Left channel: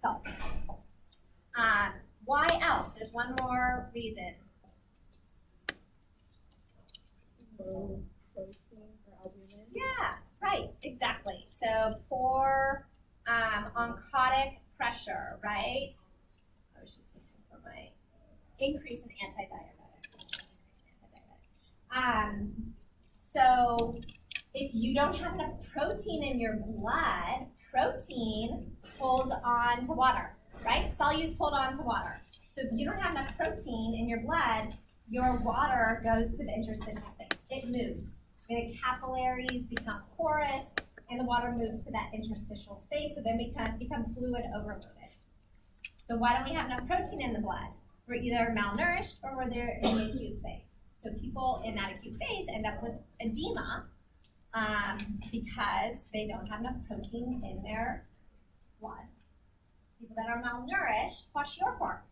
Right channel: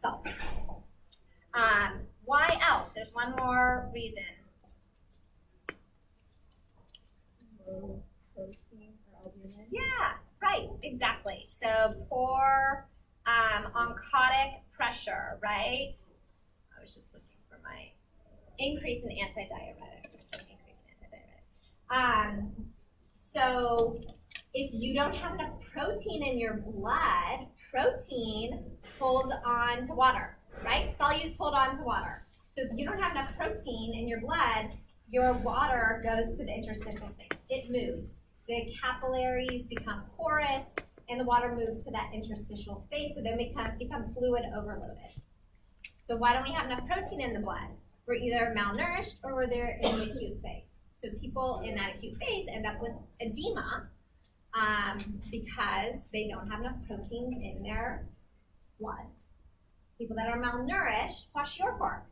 salt. Why else? There's one more reason. Low protein or albumin. Yeah, right, exactly. So poor oncotic pressure, right? I was just looking for my increase in antidiuretic. So if you don't have enough protein in your blood, protein holds on to water, right? Solutes hold on to water. So if you don't have enough protein in your blood, your water goes to the interstitial space. It moves. The capillaries become porous, and the water moves to that interstitial space, so then we become fluid overloaded. So why don't we have enough protein in the blood? We're either malnourished or we're there in the acute phase. So people in that acute phase end up with edema because they don't have enough protein in their blood. People that are malnourished, kwashiorkor,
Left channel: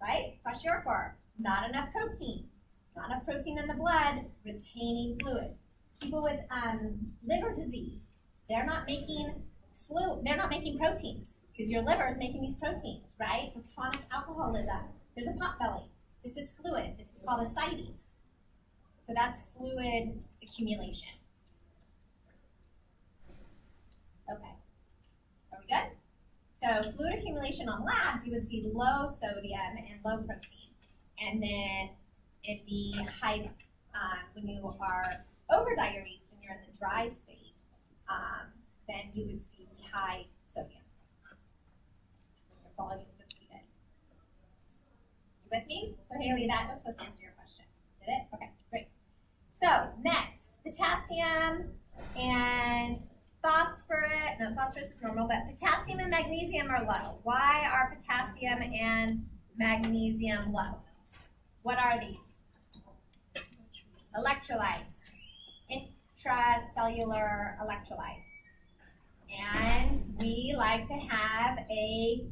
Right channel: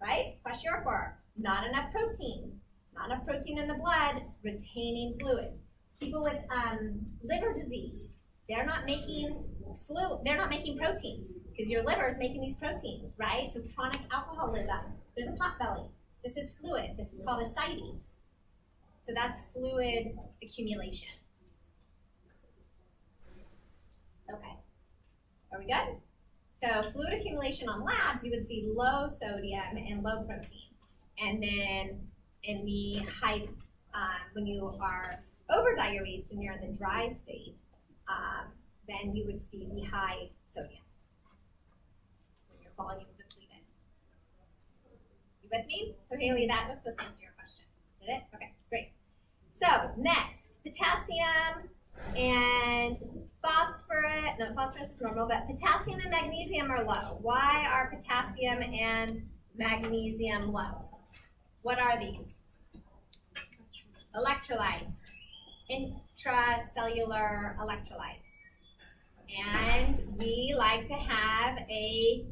right? Kwashiorkor, not enough protein. Not enough protein in the blood, retaining fluid. People with liver disease, they're not making proteins because your liver is making these proteins, right? So chronic alcoholism, there's a pot belly. This is fluid. This is called ascites. So that's fluid accumulation. Okay, are we good? So fluid accumulation on labs, you would see low sodium and low protein. And then in the high, when you are over-diuresed and you're in the dry state, then you would see the high sodium when your volume depleted. You with me? So Haley, that was supposed to answer your question. Did it? Okay, great. So next, potassium and phosphorus. No, phosphorus is normal, but potassium and magnesium are low. Why are potassium and magnesium low? What are these? Electrolytes, intracellular electrolytes. And we like to have a,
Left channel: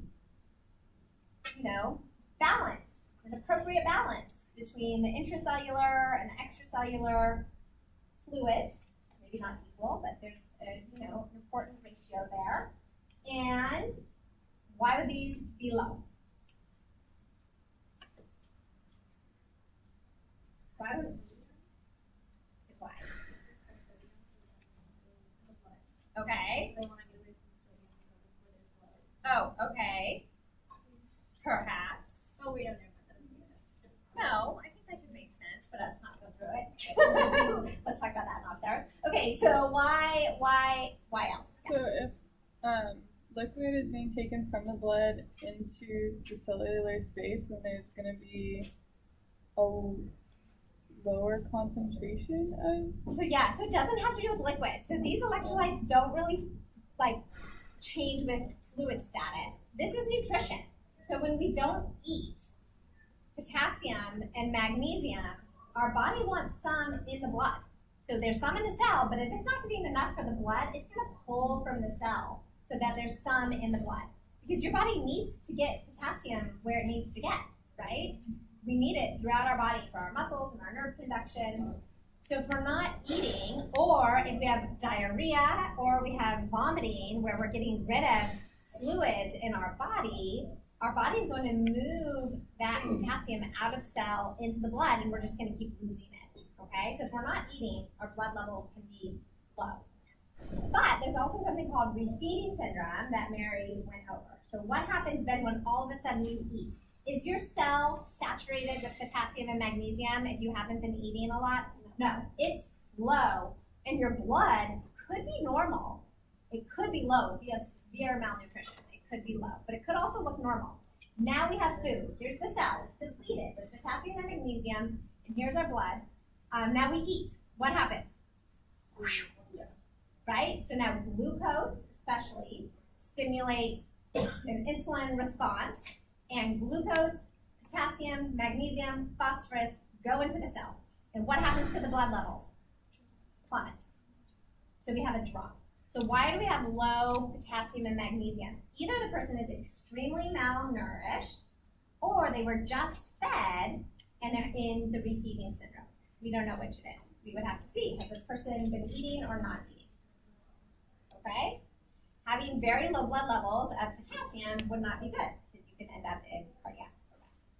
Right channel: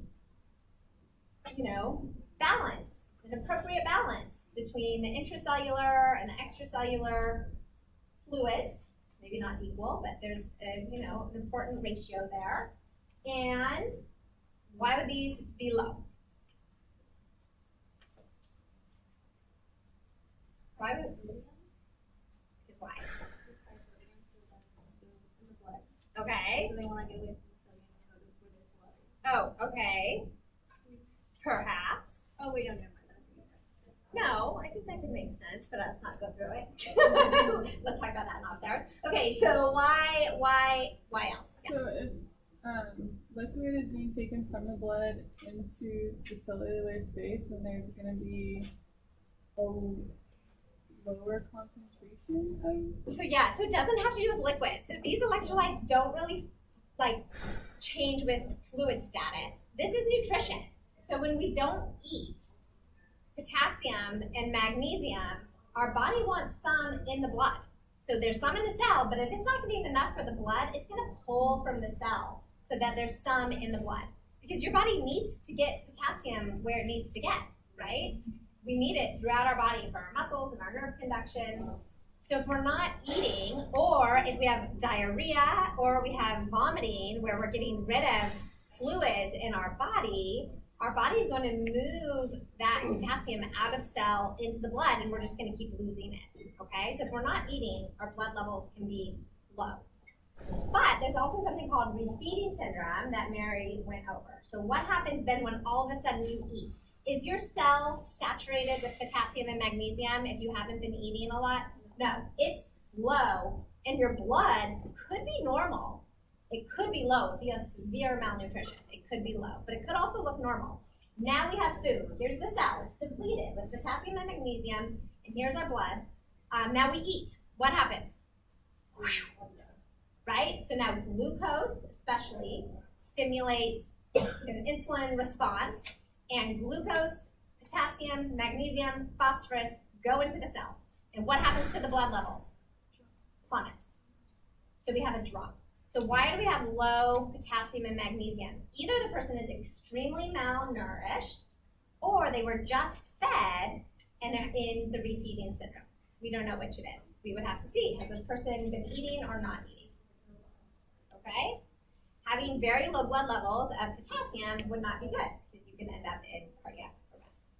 balance, an appropriate balance between the intracellular and the extracellular fluids. Maybe not equal, but there's an important ratio there. And why would these be low? Why would why? Okay. So they want to get away from the sodium and go to where there's low. Oh, okay. Perhaps. Oh, wait, never mind. That doesn't make sense. No, I think that could make sense, but let's not go through it. Let's talk about that in office hours. Okay, so why else? So if liquid is being taken from the blood into the cellular space, then there's going to be a lower concentration of. So it doesn't have to do with liquid. So these electrolytes don't really change with fluid status. This is nutrition. So when we don't eat potassium and magnesium, our body wants some in the blood. So there's some in the cell, but if it's not getting enough for the blood, it's going to pull from the cell so that there's some in the blood. Because your body needs to get potassium where it needs to get, right? We need it throughout our body for our muscles and our nerve conduction. So if we're not eating, or if we have diarrhea, or we have vomiting where we're getting rid of fluids in our body is going to move that potassium out of cell into the blood, and we're just going to keep losing it, okay? So if we're not eating, our blood levels can be low. But there's also something called refeeding syndrome that Mary went over. So what happens then when all of a sudden you eat? Is your cell saturated with potassium and magnesium if you haven't been eating a lot? No, it's low, and your blood could be normal. It could be low if you have severe malnutrition. It could be low, but it could also look normal. Now we have food. Here's the cell. It's depleted with potassium and magnesium, and here's our blood. Now we eat. What happens? Right? So now glucose, especially, stimulates an insulin response, and glucose, potassium, magnesium, phosphorus go into the cell. And what happens to the blood levels? Plummets. So we have a drop. So why do we have low potassium and magnesium? Either the person is extremely malnourished, or they were just fed and they're in the refeeding syndrome. We don't know which it is. We would have to see, has this person been eating or not eating? Okay? having very low blood levels of potassium would not be good because you can end up in cardiac arrest.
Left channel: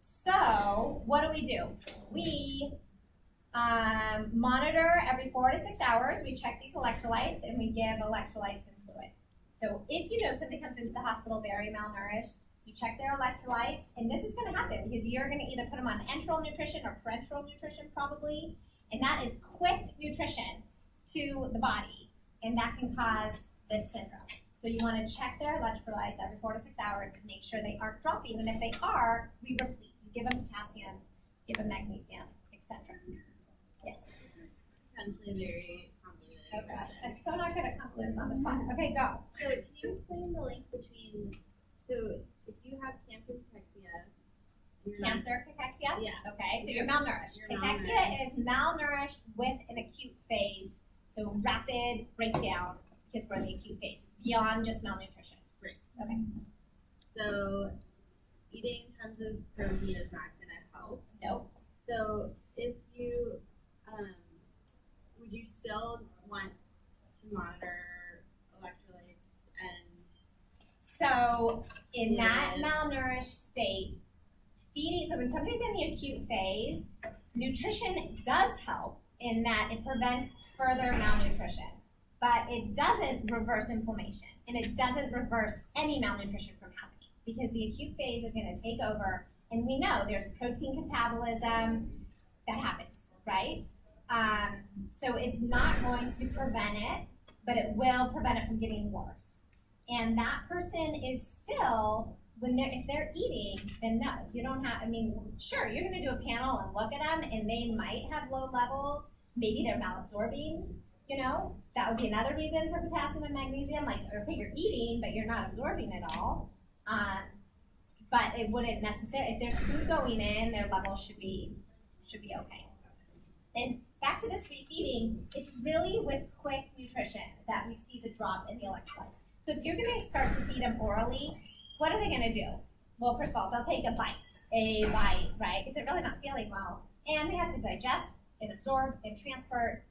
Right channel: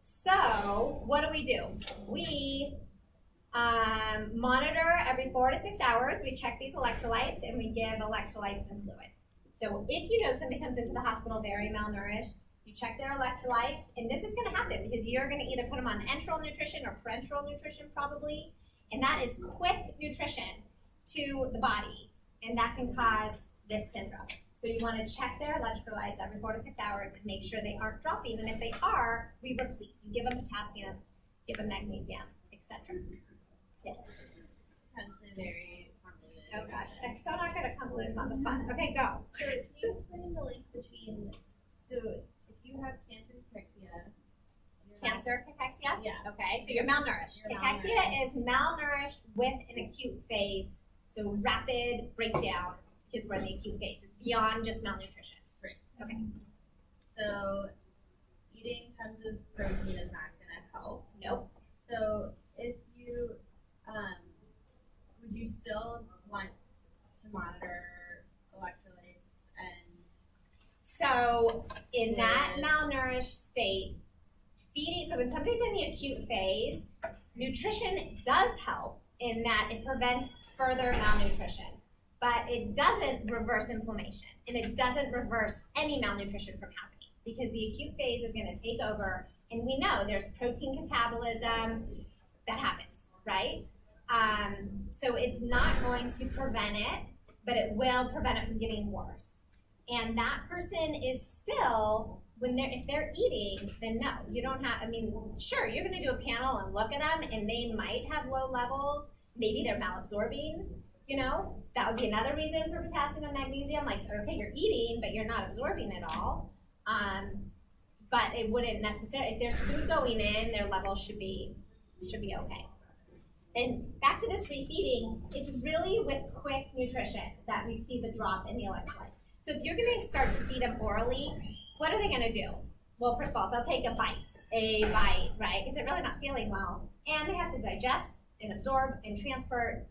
So what do? We monitor every 4 to 6 hours. We check these electrolytes and we give electrolytes and fluid. So if you know somebody comes into the hospital very malnourished, you check their electrolytes, and this is going to happen because you're going to either put them on enteral nutrition or parenteral nutrition probably, and that is quick nutrition to the body, and that can cause this syndrome. So you want to check their electrolytes every 4 to 6 hours and make sure they aren't dropping, and if they are, we replete. You give them potassium, give them magnesium, etc. Yes? Potentially very convoluted. Oh gosh, I'm so not good at convoluted on the spot. Okay, go. So can you explain the link between, so if you have cancer cachexia, you're not, Cancer, cachexia? yeah, Okay, so you're malnourished. You're Cachexia malnourished. is malnourished with an acute phase, so rapid breakdown because we're in the acute phase. It's beyond just malnutrition. Right. Okay. So eating tons of protein is not gonna help. Nope. So if you, would you still want to monitor electrolytes and So in that Yeah. malnourished state, feeding, so when somebody's in the acute phase, nutrition does help in that it prevents further malnutrition, but it doesn't reverse inflammation, and it doesn't reverse any malnutrition from happening because the acute phase is going to take over, and we know there's protein catabolism that happens, right? So it's not going to prevent it, but it will prevent it from getting worse. And that person is still, if they're eating, then no, you don't have, sure, you're gonna do a panel and look at them and they might have low levels, maybe they're malabsorbing, that would be another reason for potassium and magnesium, like, okay, you're eating, but you're not absorbing it all. But it wouldn't necessarily, if there's food going in, their levels should be okay. And back to this refeeding, it's really with quick nutrition that we see the drop in the electrolytes. So if you're gonna start to feed them orally, what are they gonna do? Well, first of all, they'll take a bite, right? Because they're really not feeling well. And they have to digest and absorb and transport.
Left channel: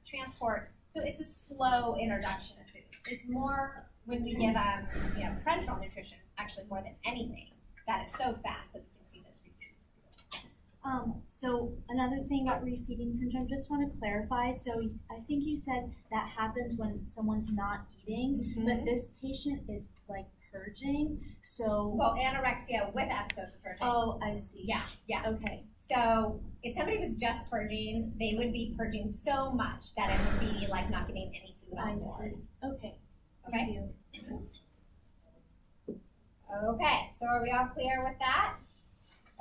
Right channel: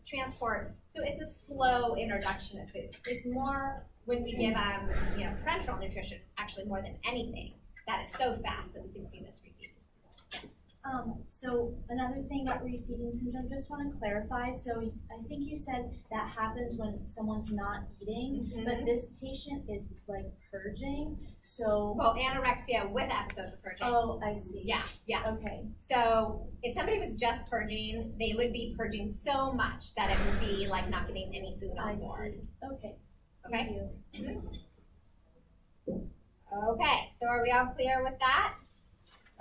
So it's a slow introduction of food. It's more when we give them, parenteral nutrition, actually more than anything, that it's so fast that we can see this refeeding. So another thing about refeeding syndrome, just want to clarify. So I think you said that happens when someone's not eating, but this patient is like purging. So Well, anorexia with episodes of purging. oh, I see. Yeah. Okay. So if somebody was just purging, they would be purging so much that it would be like not getting any food on I board. see. Okay. Okay. Thank you. Okay, so are we all clear with that?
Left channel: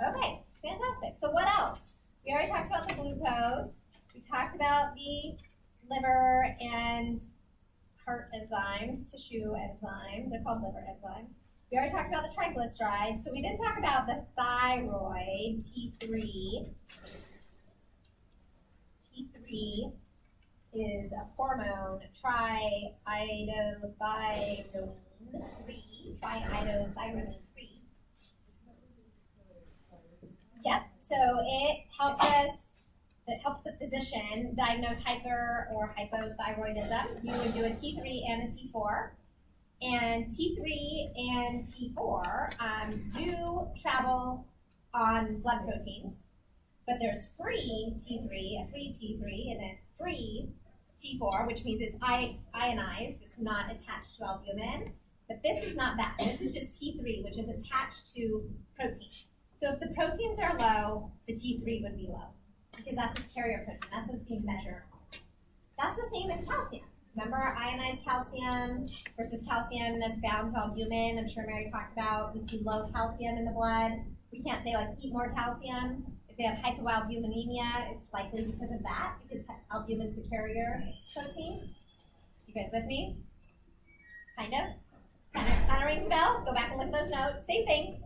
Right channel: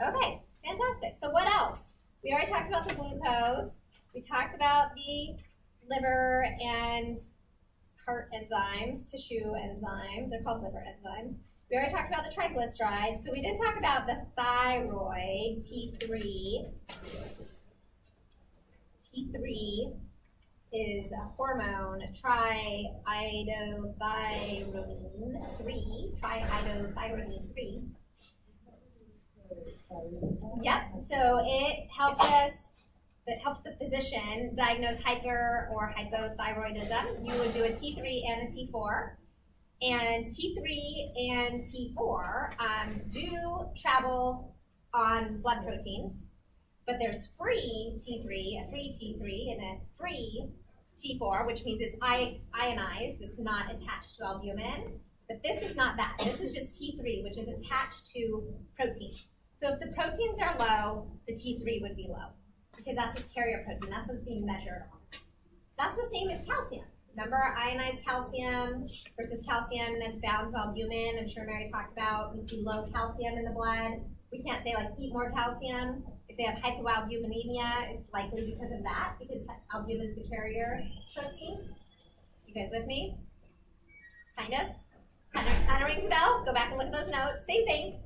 Okay, fantastic. So what else? We already talked about the glucose. We talked about the liver and heart enzymes, tissue enzymes. They're called liver enzymes. We already talked about the triglycerides. So we did talk about the thyroid, T3. T3 is a hormone, triiodothyronine 3. Yep, so it helps the physician diagnose hyper or hypothyroidism. You would do a T3 and a T4. And T3 and T4 do travel on blood proteins, but there's free T3, a free T3, and a free T4, which means it's ionized, it's not attached to albumin. But this is not that. This is just T3, which is attached to protein. So if the proteins are low, the T3 would be low, because that's its carrier protein. That's what's being measured on. That's the same as calcium. Remember ionized calcium versus calcium that's bound to albumin. I'm sure Mary talked about, we see low calcium in the blood. We can't say, like, eat more calcium. If they have hypoalbuminemia, it's likely because of that, because albumin is the carrier protein. You guys with me? Kind of? Kind of rings a bell? Go back and look at those notes. Same thing.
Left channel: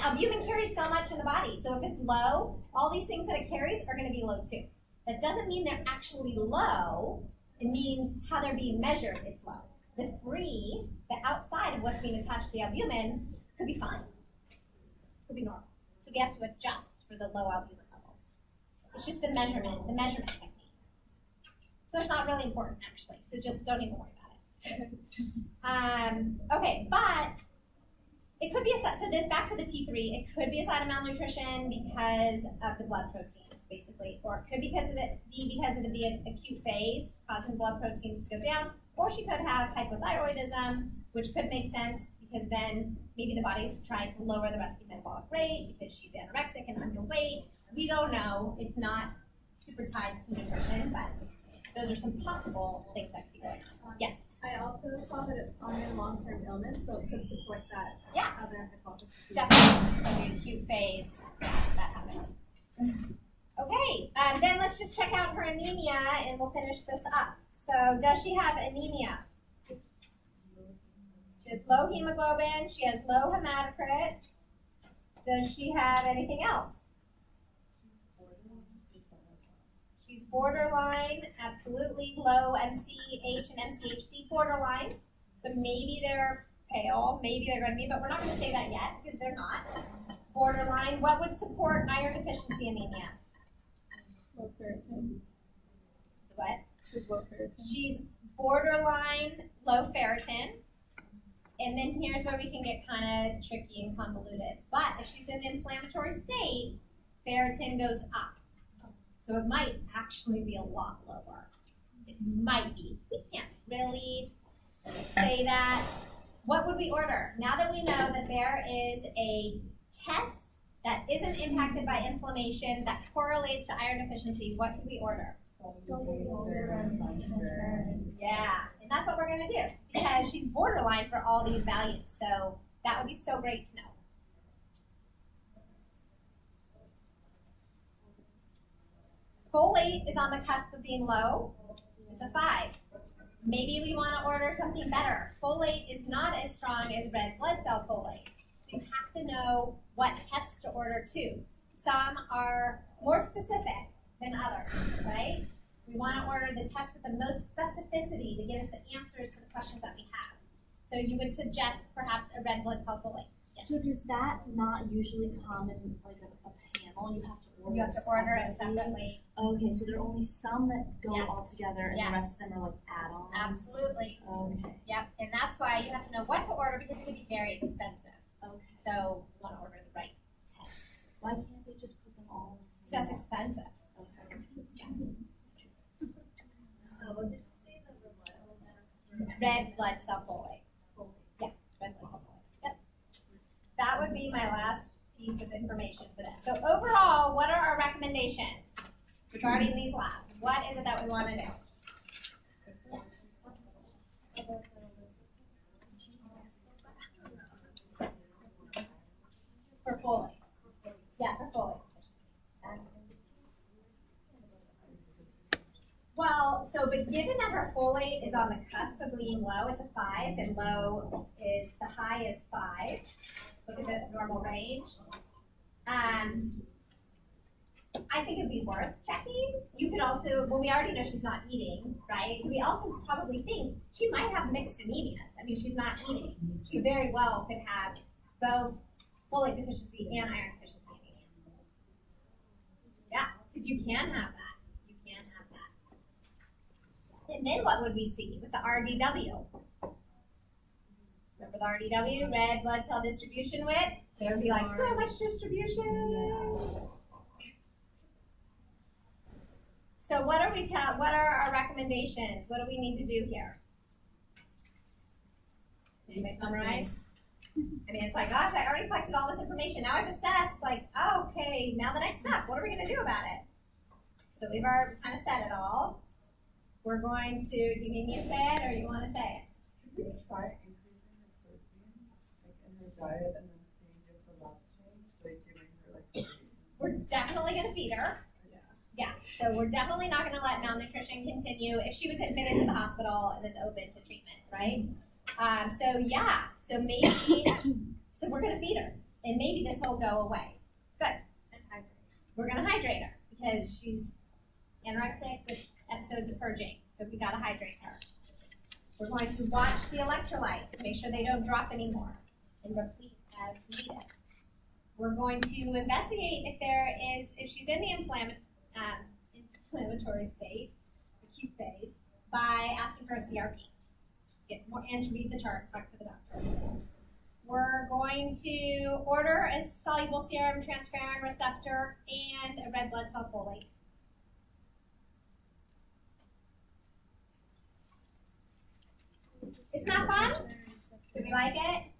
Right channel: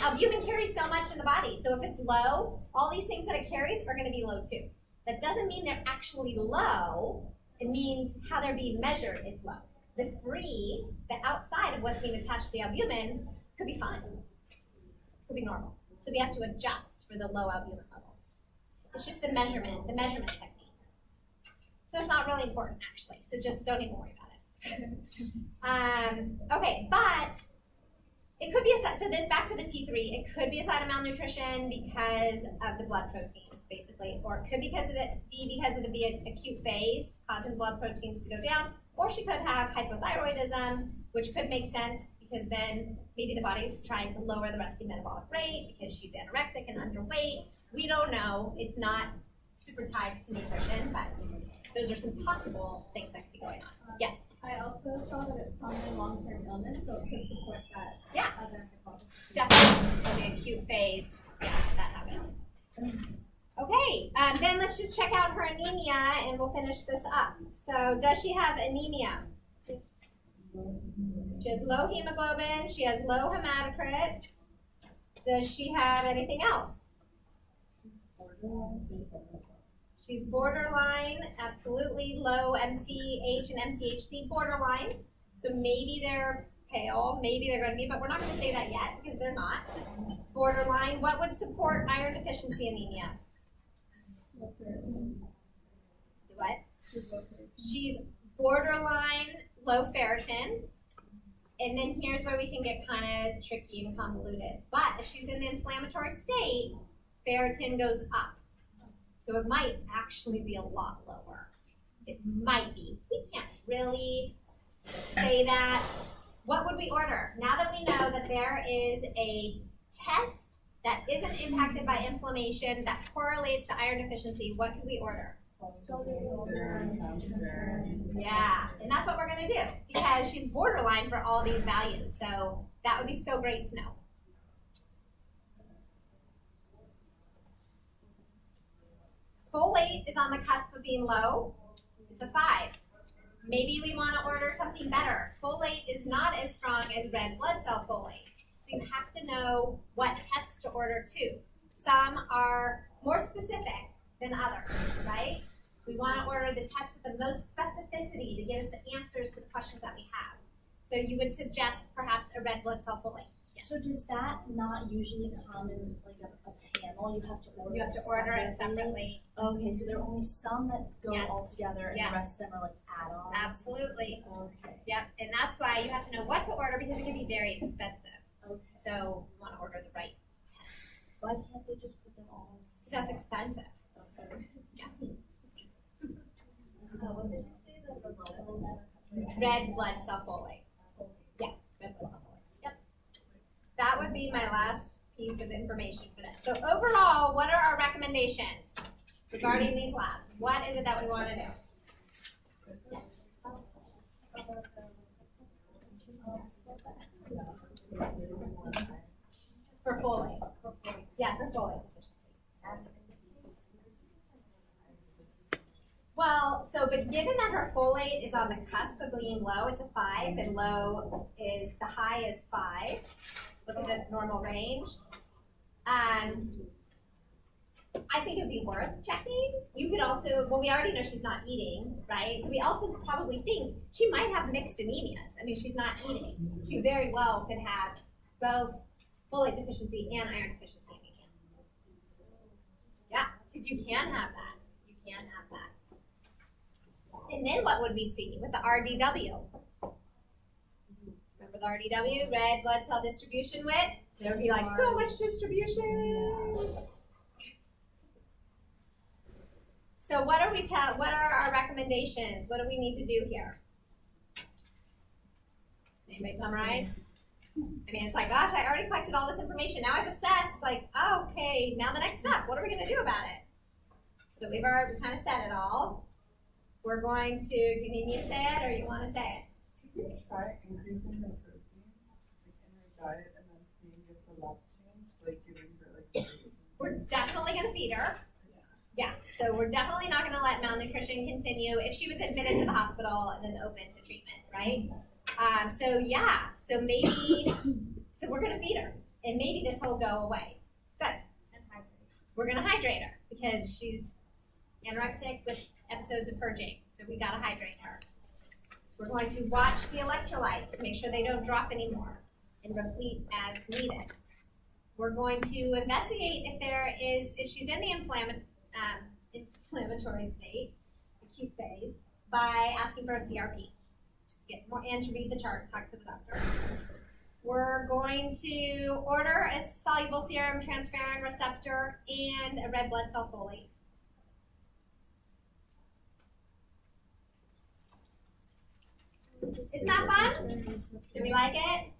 Albumin carries so much in the body. So if it's low, all these things that it carries are going to be low too. That doesn't mean they're actually low. It means how they're being measured, it's low. The free, the outside of what's being attached to the albumin, could be fine. Could be normal. So we have to adjust for the low albumin levels. It's just the measurement technique. So it's not really important, actually. So just don't even worry about it. Okay, but it could be so this back to the T3. It could be a sign of malnutrition because of the blood proteins, basically, or it could be because of the acute phase causing blood proteins to go down, or she could have hypothyroidism, which could make sense because then maybe the body is trying to lower the resting metabolic rate because she's anorexic and underweight. We don't know. It's not super tied to nutrition, but those are some possible things that could be going on. Yes. I also saw that it's common long-term illness, so it could support that. Yeah. Other hypothesis. Definitely. So the acute phase, yeah, that happens. Okay, then let's just check out her anemia and we'll finish this up. So does she have anemia? She has low hemoglobin, she has low hematocrit. Does she have anything else? She's borderline, absolutely low MCH and MCHC borderline. So maybe they're pale, maybe they're going to be, but we're not going to say that yet because they're not. Borderline, what would support iron deficiency anemia? Low ferritin. What? She's low ferritin. She's borderline low ferritin. And then here's where we can get kind of tricky and convoluted. But if she's in the inflammatory state, ferritin goes up. So it might actually be a lot lower. It might be. We can't really say that. What would we order? Now that we know that there is a test that isn't impacted by inflammation that correlates to iron deficiency, what could we order? Yeah, and that's what we're going to do because she's borderline for all these values. So that would be so great to know. Folate is on the cusp of being low. It's a 5. Maybe we want to order something better. Folate is not as strong as red blood cell folate. So you have to know what tests to order too. Some are more specific than others, right? We want to order the test with the most specificity to give us the answers to the questions that we have. So you would suggest perhaps a red blood cell folate. Yes. So does that not usually come in like a panel? You have to order. You have to order it separately. Okay, so there are only some that go Yes. all together, and Yes. the rest of them are like add-ons. Absolutely. Okay. Yep. And that's why you have to know what to order because it can be very expensive. Okay. So you want to order the right tests. Why can't they just put them all? Because that's expensive. Okay. Yeah. What did you say that the level Red blood cell folate. Yeah, red blood cell folate. Yep. That would be my last piece of information for this. So overall, what are our recommendations regarding these labs? What is it that we want to do? For folate. Yeah, for folate. Well, so, but given that her folate is on the cusp of being low, it's a 5, and low is, the high is 5. Look at the normal range. I think it would be worth checking. You could also, well, we already know she's not eating, right? So we also probably think she might have mixed anemias. I mean, she's not eating. She very well could have both folate deficiency and iron deficiency anemia. Yeah, because you can have that. You can have that. And then what would we see with the RDW? Remember the RDW, red blood cell distribution width? There would be like so much distribution. So what are our recommendations? What do we need to do here? Anybody summarize? I mean, it's like, gosh, I already collected all this information. Now I've assessed, like, oh, okay, now the next step. What are we going to do about it? So we've already kind of said it all. We're going to, do you need me to say it or you want to say it? Could we try increasing her protein, like in her diet, and then seeing if the labs change, like giving her like protein? We're definitely going to feed her. Yeah, so we're definitely not going to let malnutrition continue if she was admitted to the hospital and is open to treatment, right? So maybe, so we're going to feed her, and maybe this will go away. Good. and hydrate? We're going to hydrate her because she's anorexic with episodes of purging, so we got to hydrate her. We're going to watch the electrolytes to make sure they don't drop anymore and replete as needed. We're going to investigate if she's in the inflammatory state, acute phase, by asking for a CRP. just get more in to read the chart, talk to the doctor. We're going to order a soluble serum transferrin receptor and a red blood cell folate. Isn't that fun? Do we like it?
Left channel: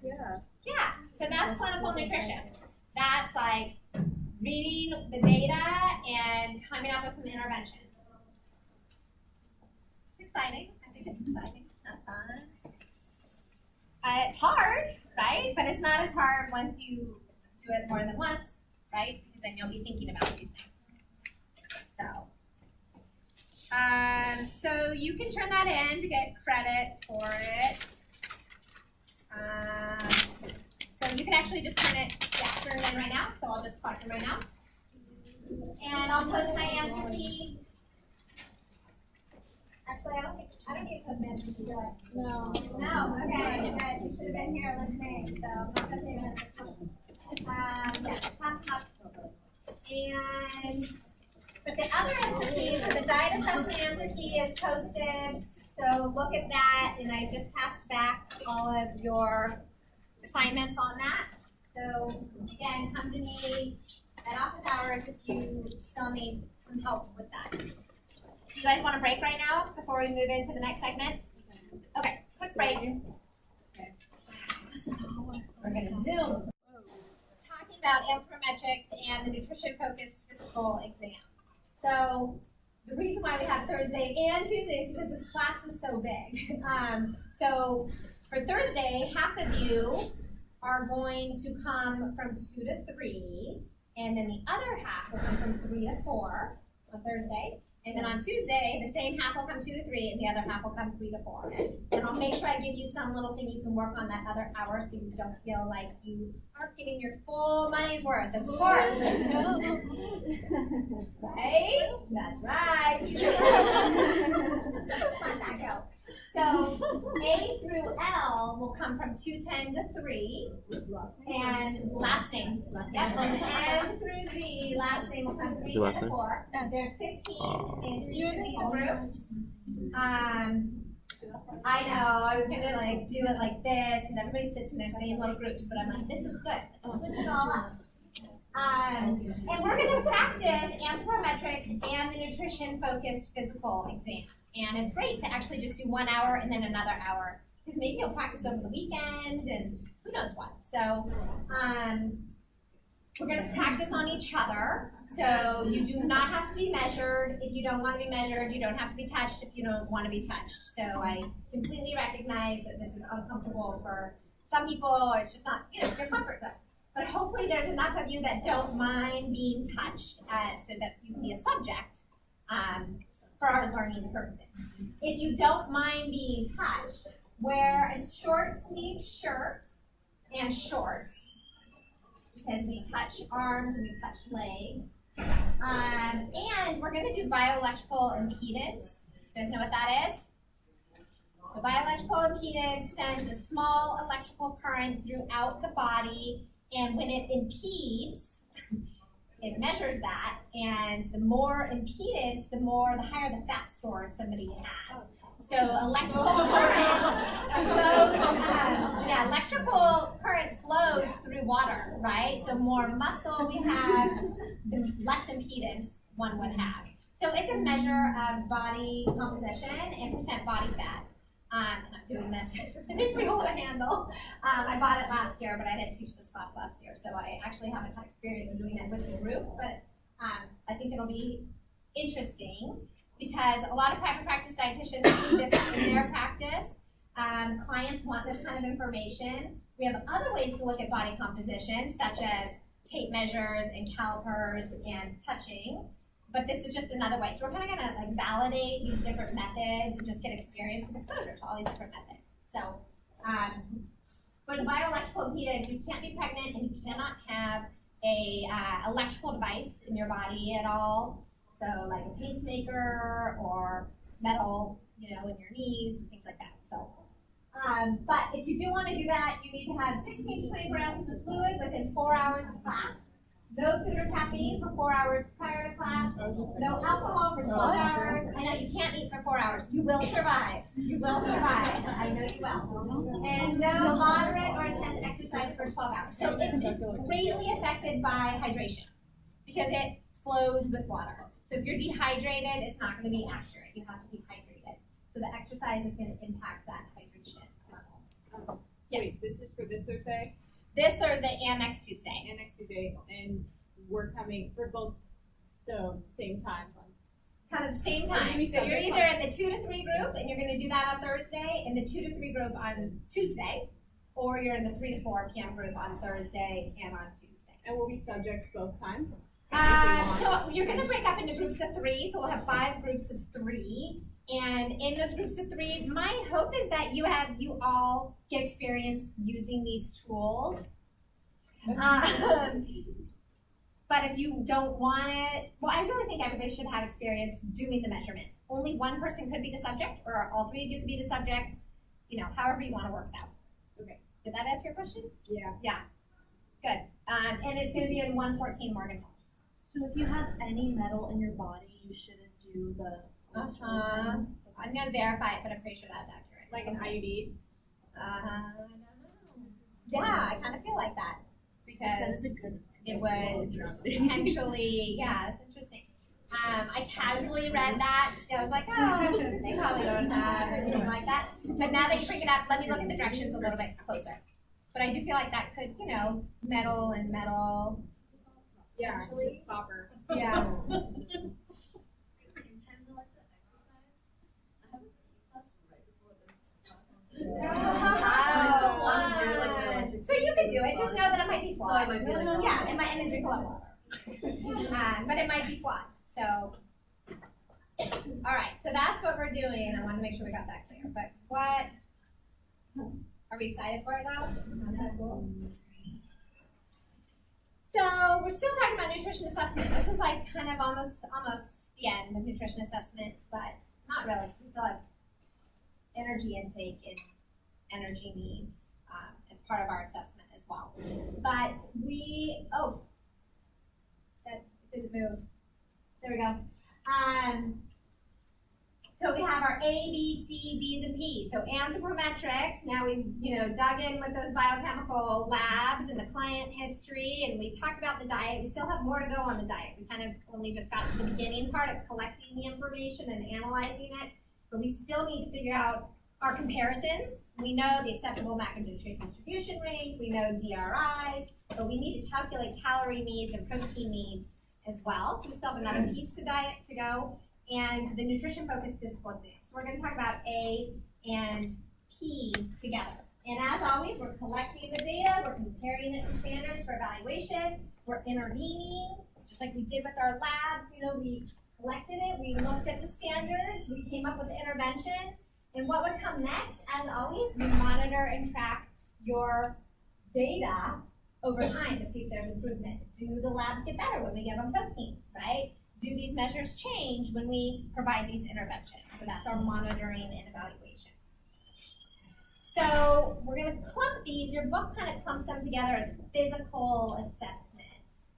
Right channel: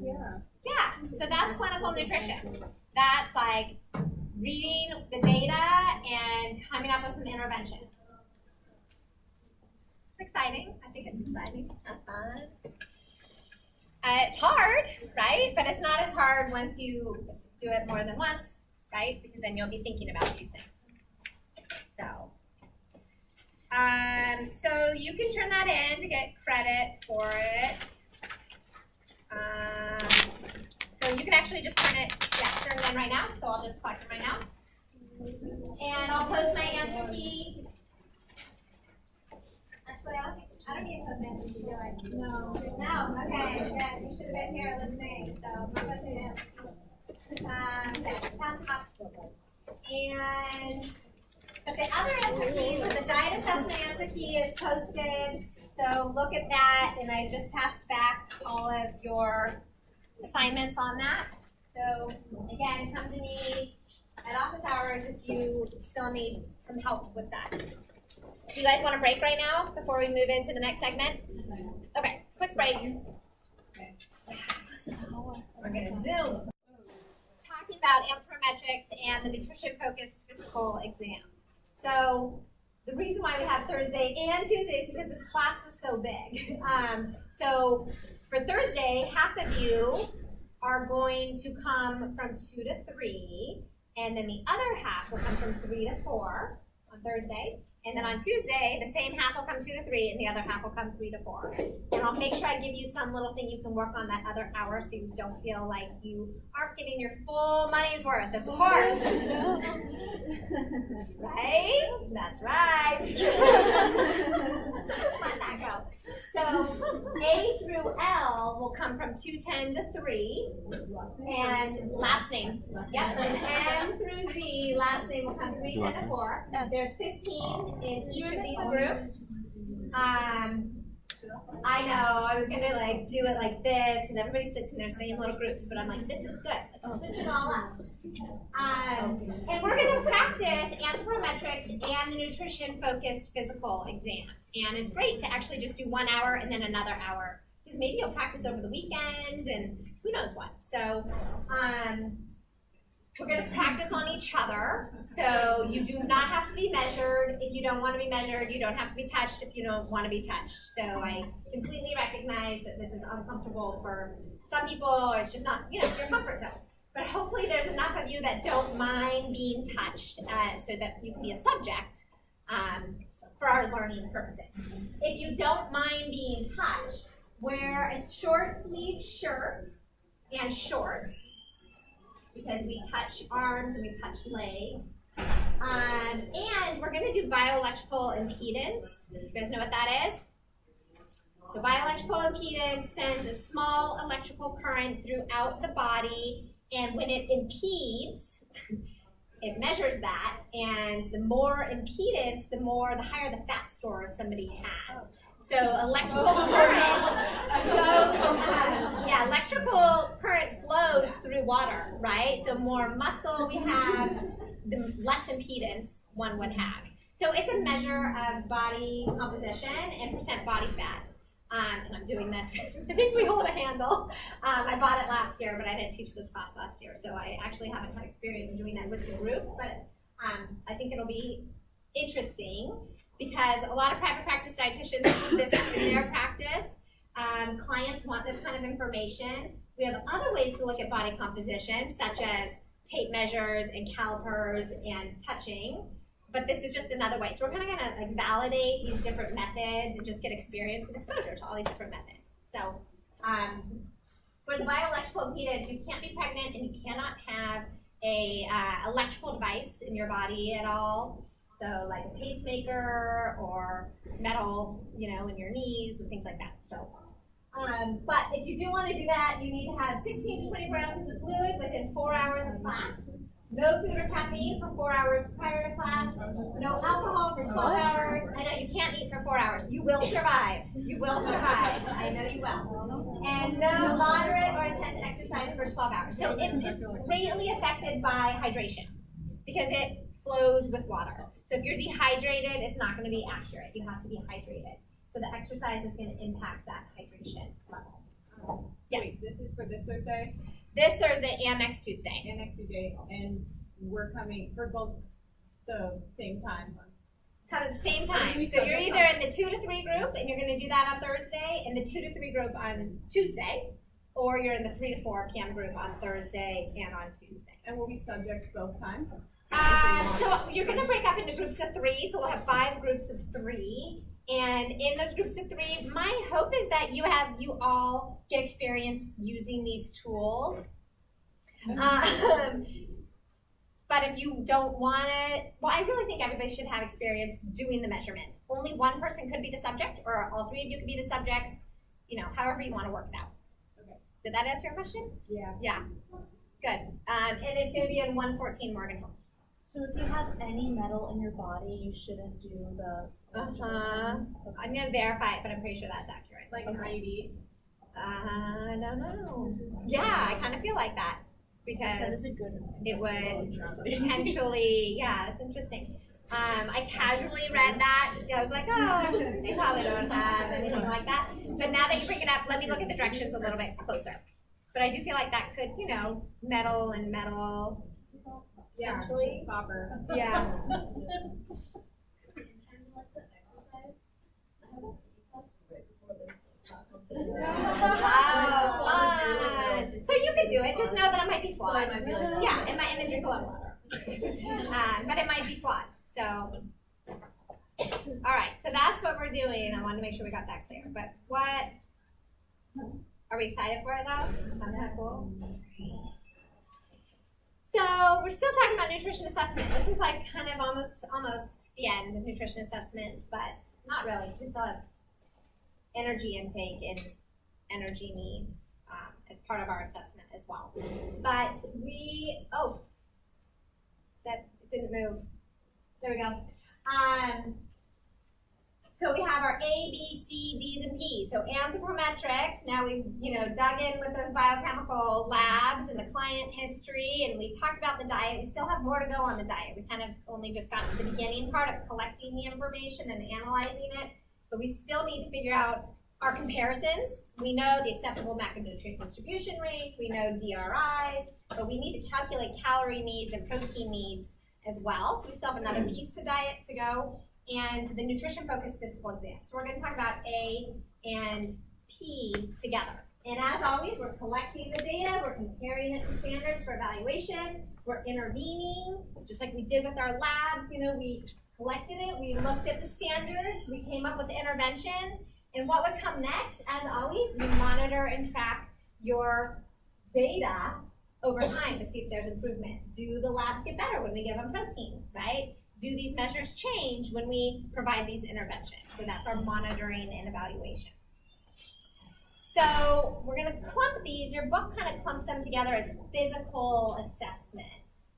Yeah. Yeah, so that's clinical nutrition. That's like reading the data and coming up with some interventions. It's exciting. I think it's exciting. It's kind of fun. It's hard, right? But it's not as hard once you do it more than once, right? Because then you'll be thinking about these things. So you can turn that in to get credit for it. So you can actually just turn it in right now. So I'll just collect them right now. And I'll post my answer key. Actually, I don't need to post my answer key, do I? No. No, okay, good. You should have been here listening, so I'm not posting an answer key. Okay, pass them up. But the other answer key, so the diet assessment answer key is posted. So look at that, and I just passed back all of your assignments on that. So again, come to me at office hours if you still need some help with that. Do you guys want a break right now before we move into the next segment? Okay, quick break. We're gonna Zoom. Talking about anthropometrics and the nutrition-focused physical exam. So the reason why we have Thursday and Tuesday is because this class is so big. So for Thursday, half of you are going to come from 2 to 3, and then the other half will come from 3 to 4 on Thursday. And then on Tuesday, the same half will come 2 to 3, and the other half will come 3 to 4. And I'll make sure I give you some little thing you can work on that other hour so you don't feel like you aren't getting your full money's worth, of course. Right? That's right. Let that go. So A through L will come from 2:10 to 3, and last name. Yep. And M through Z, last name will come 3:10 to 4. There's 15 in each of these groups. I know, I was gonna like do it like this because everybody sits in their same little groups, but I'm like, this is good. Let's switch it all up. And we're gonna practice anthropometrics and the nutrition-focused physical exam. And it's great to actually just do 1 hour and then another hour, because maybe you'll practice over the weekend and who knows what. So we're going to practice on each other. So you do not have to be measured if you don't want to be measured. You don't have to be touched if you don't want to be touched. So I completely recognize that this is uncomfortable for some people, or it's just not, your comfort zone. But hopefully there's enough of you that don't mind being touched so that you can be a subject for our learning purposes. If you don't mind being touched, wear a short sleeve shirt and shorts, because we touch arms and we touch legs. And we're going to do bioelectrical impedance. Do you guys know what that is? So bioelectrical impedance sends a small electrical current throughout the body, and when it impedes, it measures that, and the more impedance, the higher the fat stores somebody has. So electrical current flows through water, right? So more muscle we have, the less impedance one would have. So it's a measure of body composition and percent body fat. And I'm doing this because I think we hold a handle. I bought it last year, but I didn't teach this class last year, so I actually haven't had experience doing that with the group, but I think it'll be interesting because a lot of private practice dietitians do this in their practice. Clients want this kind of information. We have other ways to look at body composition, such as tape measures and calipers and touching. But this is just another way. So we're kind of going to like validate these different methods and just get experience and exposure to all these different methods. So for the bioelectrical impedance, you can't be pregnant and you cannot have a electrical device in your body at all. So like a pacemaker or metal, in your knees and things like that. So, but if you do want to do that, you need to have 16 to 20 grams of fluid within 4 hours of class. No food or caffeine for 4 hours prior to class. I was just saying. No alcohol for 12 hours. I know you can't eat for 4 hours. You will survive. You will survive. I know you will. And no moderate or intense exercise for 12 hours. So it's greatly affected by hydration because it flows with water. So if you're dehydrated, it's not going to be accurate. You have to be hydrated. So the exercise is going to impact that hydration level. Yes. Wait, this is for this Thursday This Thursday and next Tuesday. and next Tuesday, and we're coming for both, so same times on. Kind of the same Are time. we So you're subject either in the 2 to 3 group, and you're going to do that on Thursday, and the 2 to 3 group on Tuesday, or you're in the 3 to 4 p.m. group on Thursday and on Tuesday. And we'll be subjects both times? So you're going to break up into groups of 3, so we'll have 5 groups of 3. And in those groups of 3, my hope is that you all get experience using these tools. But if you don't want it, well, I really think everybody should have experience doing the measurements. Only one person could be the subject, or all 3 of you could be the subjects, however you want to work it out. Okay. Did that answer your question? Yeah. Yeah. Good. And it's going to be in 114 Morgan Hall. So if you have any metal in your body, you shouldn't do the. I'm going to verify it, but I'm pretty sure that's accurate. Like an IUD? I don't know. Yeah, I kind of feel like that. Because That's a good. it would potentially, yeah, it's interesting. I casually read that. I was like, oh, they probably don't have anything like that. But now that you bring it up, let me look at the directions a little bit closer. But I do feel like that could, metal and metal. Yeah, Potentially. it's copper. Yeah. In terms of like the exercise, I have a class right before this class. So you could do it. Just know that it might be flawed. Yeah, it might, and then drink a lot of water. But it might be flawed. So, all right. So that's what we're doing. I want to make sure we got that clear. But what? Are we excited for it though? Sound kind of cool. So we're still talking about nutrition assessment. This is like kind of almost the end of nutrition assessment, but not really. We still have energy intake and energy needs as part of our assessment as well. But that didn't move. There we go. So we have our A, B, C, D's, and P's. So anthropometrics, now we've dug in with those biochemical labs and the client history, and we talked about the diet. We still have more to go on the diet. We kind of only just got to the beginning part of collecting the information and analyzing it, but we still need to figure out our comparisons. We know the acceptable macronutrient distribution range, we know DRIs, but we need to calculate calorie needs and protein needs as well. So we still have another piece to diet to go. And the nutrition-focused physical exam. So we're going to talk about A and P together. And as always, we're collecting the data, we're comparing it to standards for evaluation, we're intervening, just like we did with our labs. We collected it, we looked at the standards, we came up with the interventions, and what would come next, as always, we monitor and track your data over time to see if there's improvement. Do the labs get better when we give them protein, right? Do these measures change when we provide these interventions? So that's our monitoring and evaluation. So we're going to clump these. Your book kind of clumps them together as physical assessments.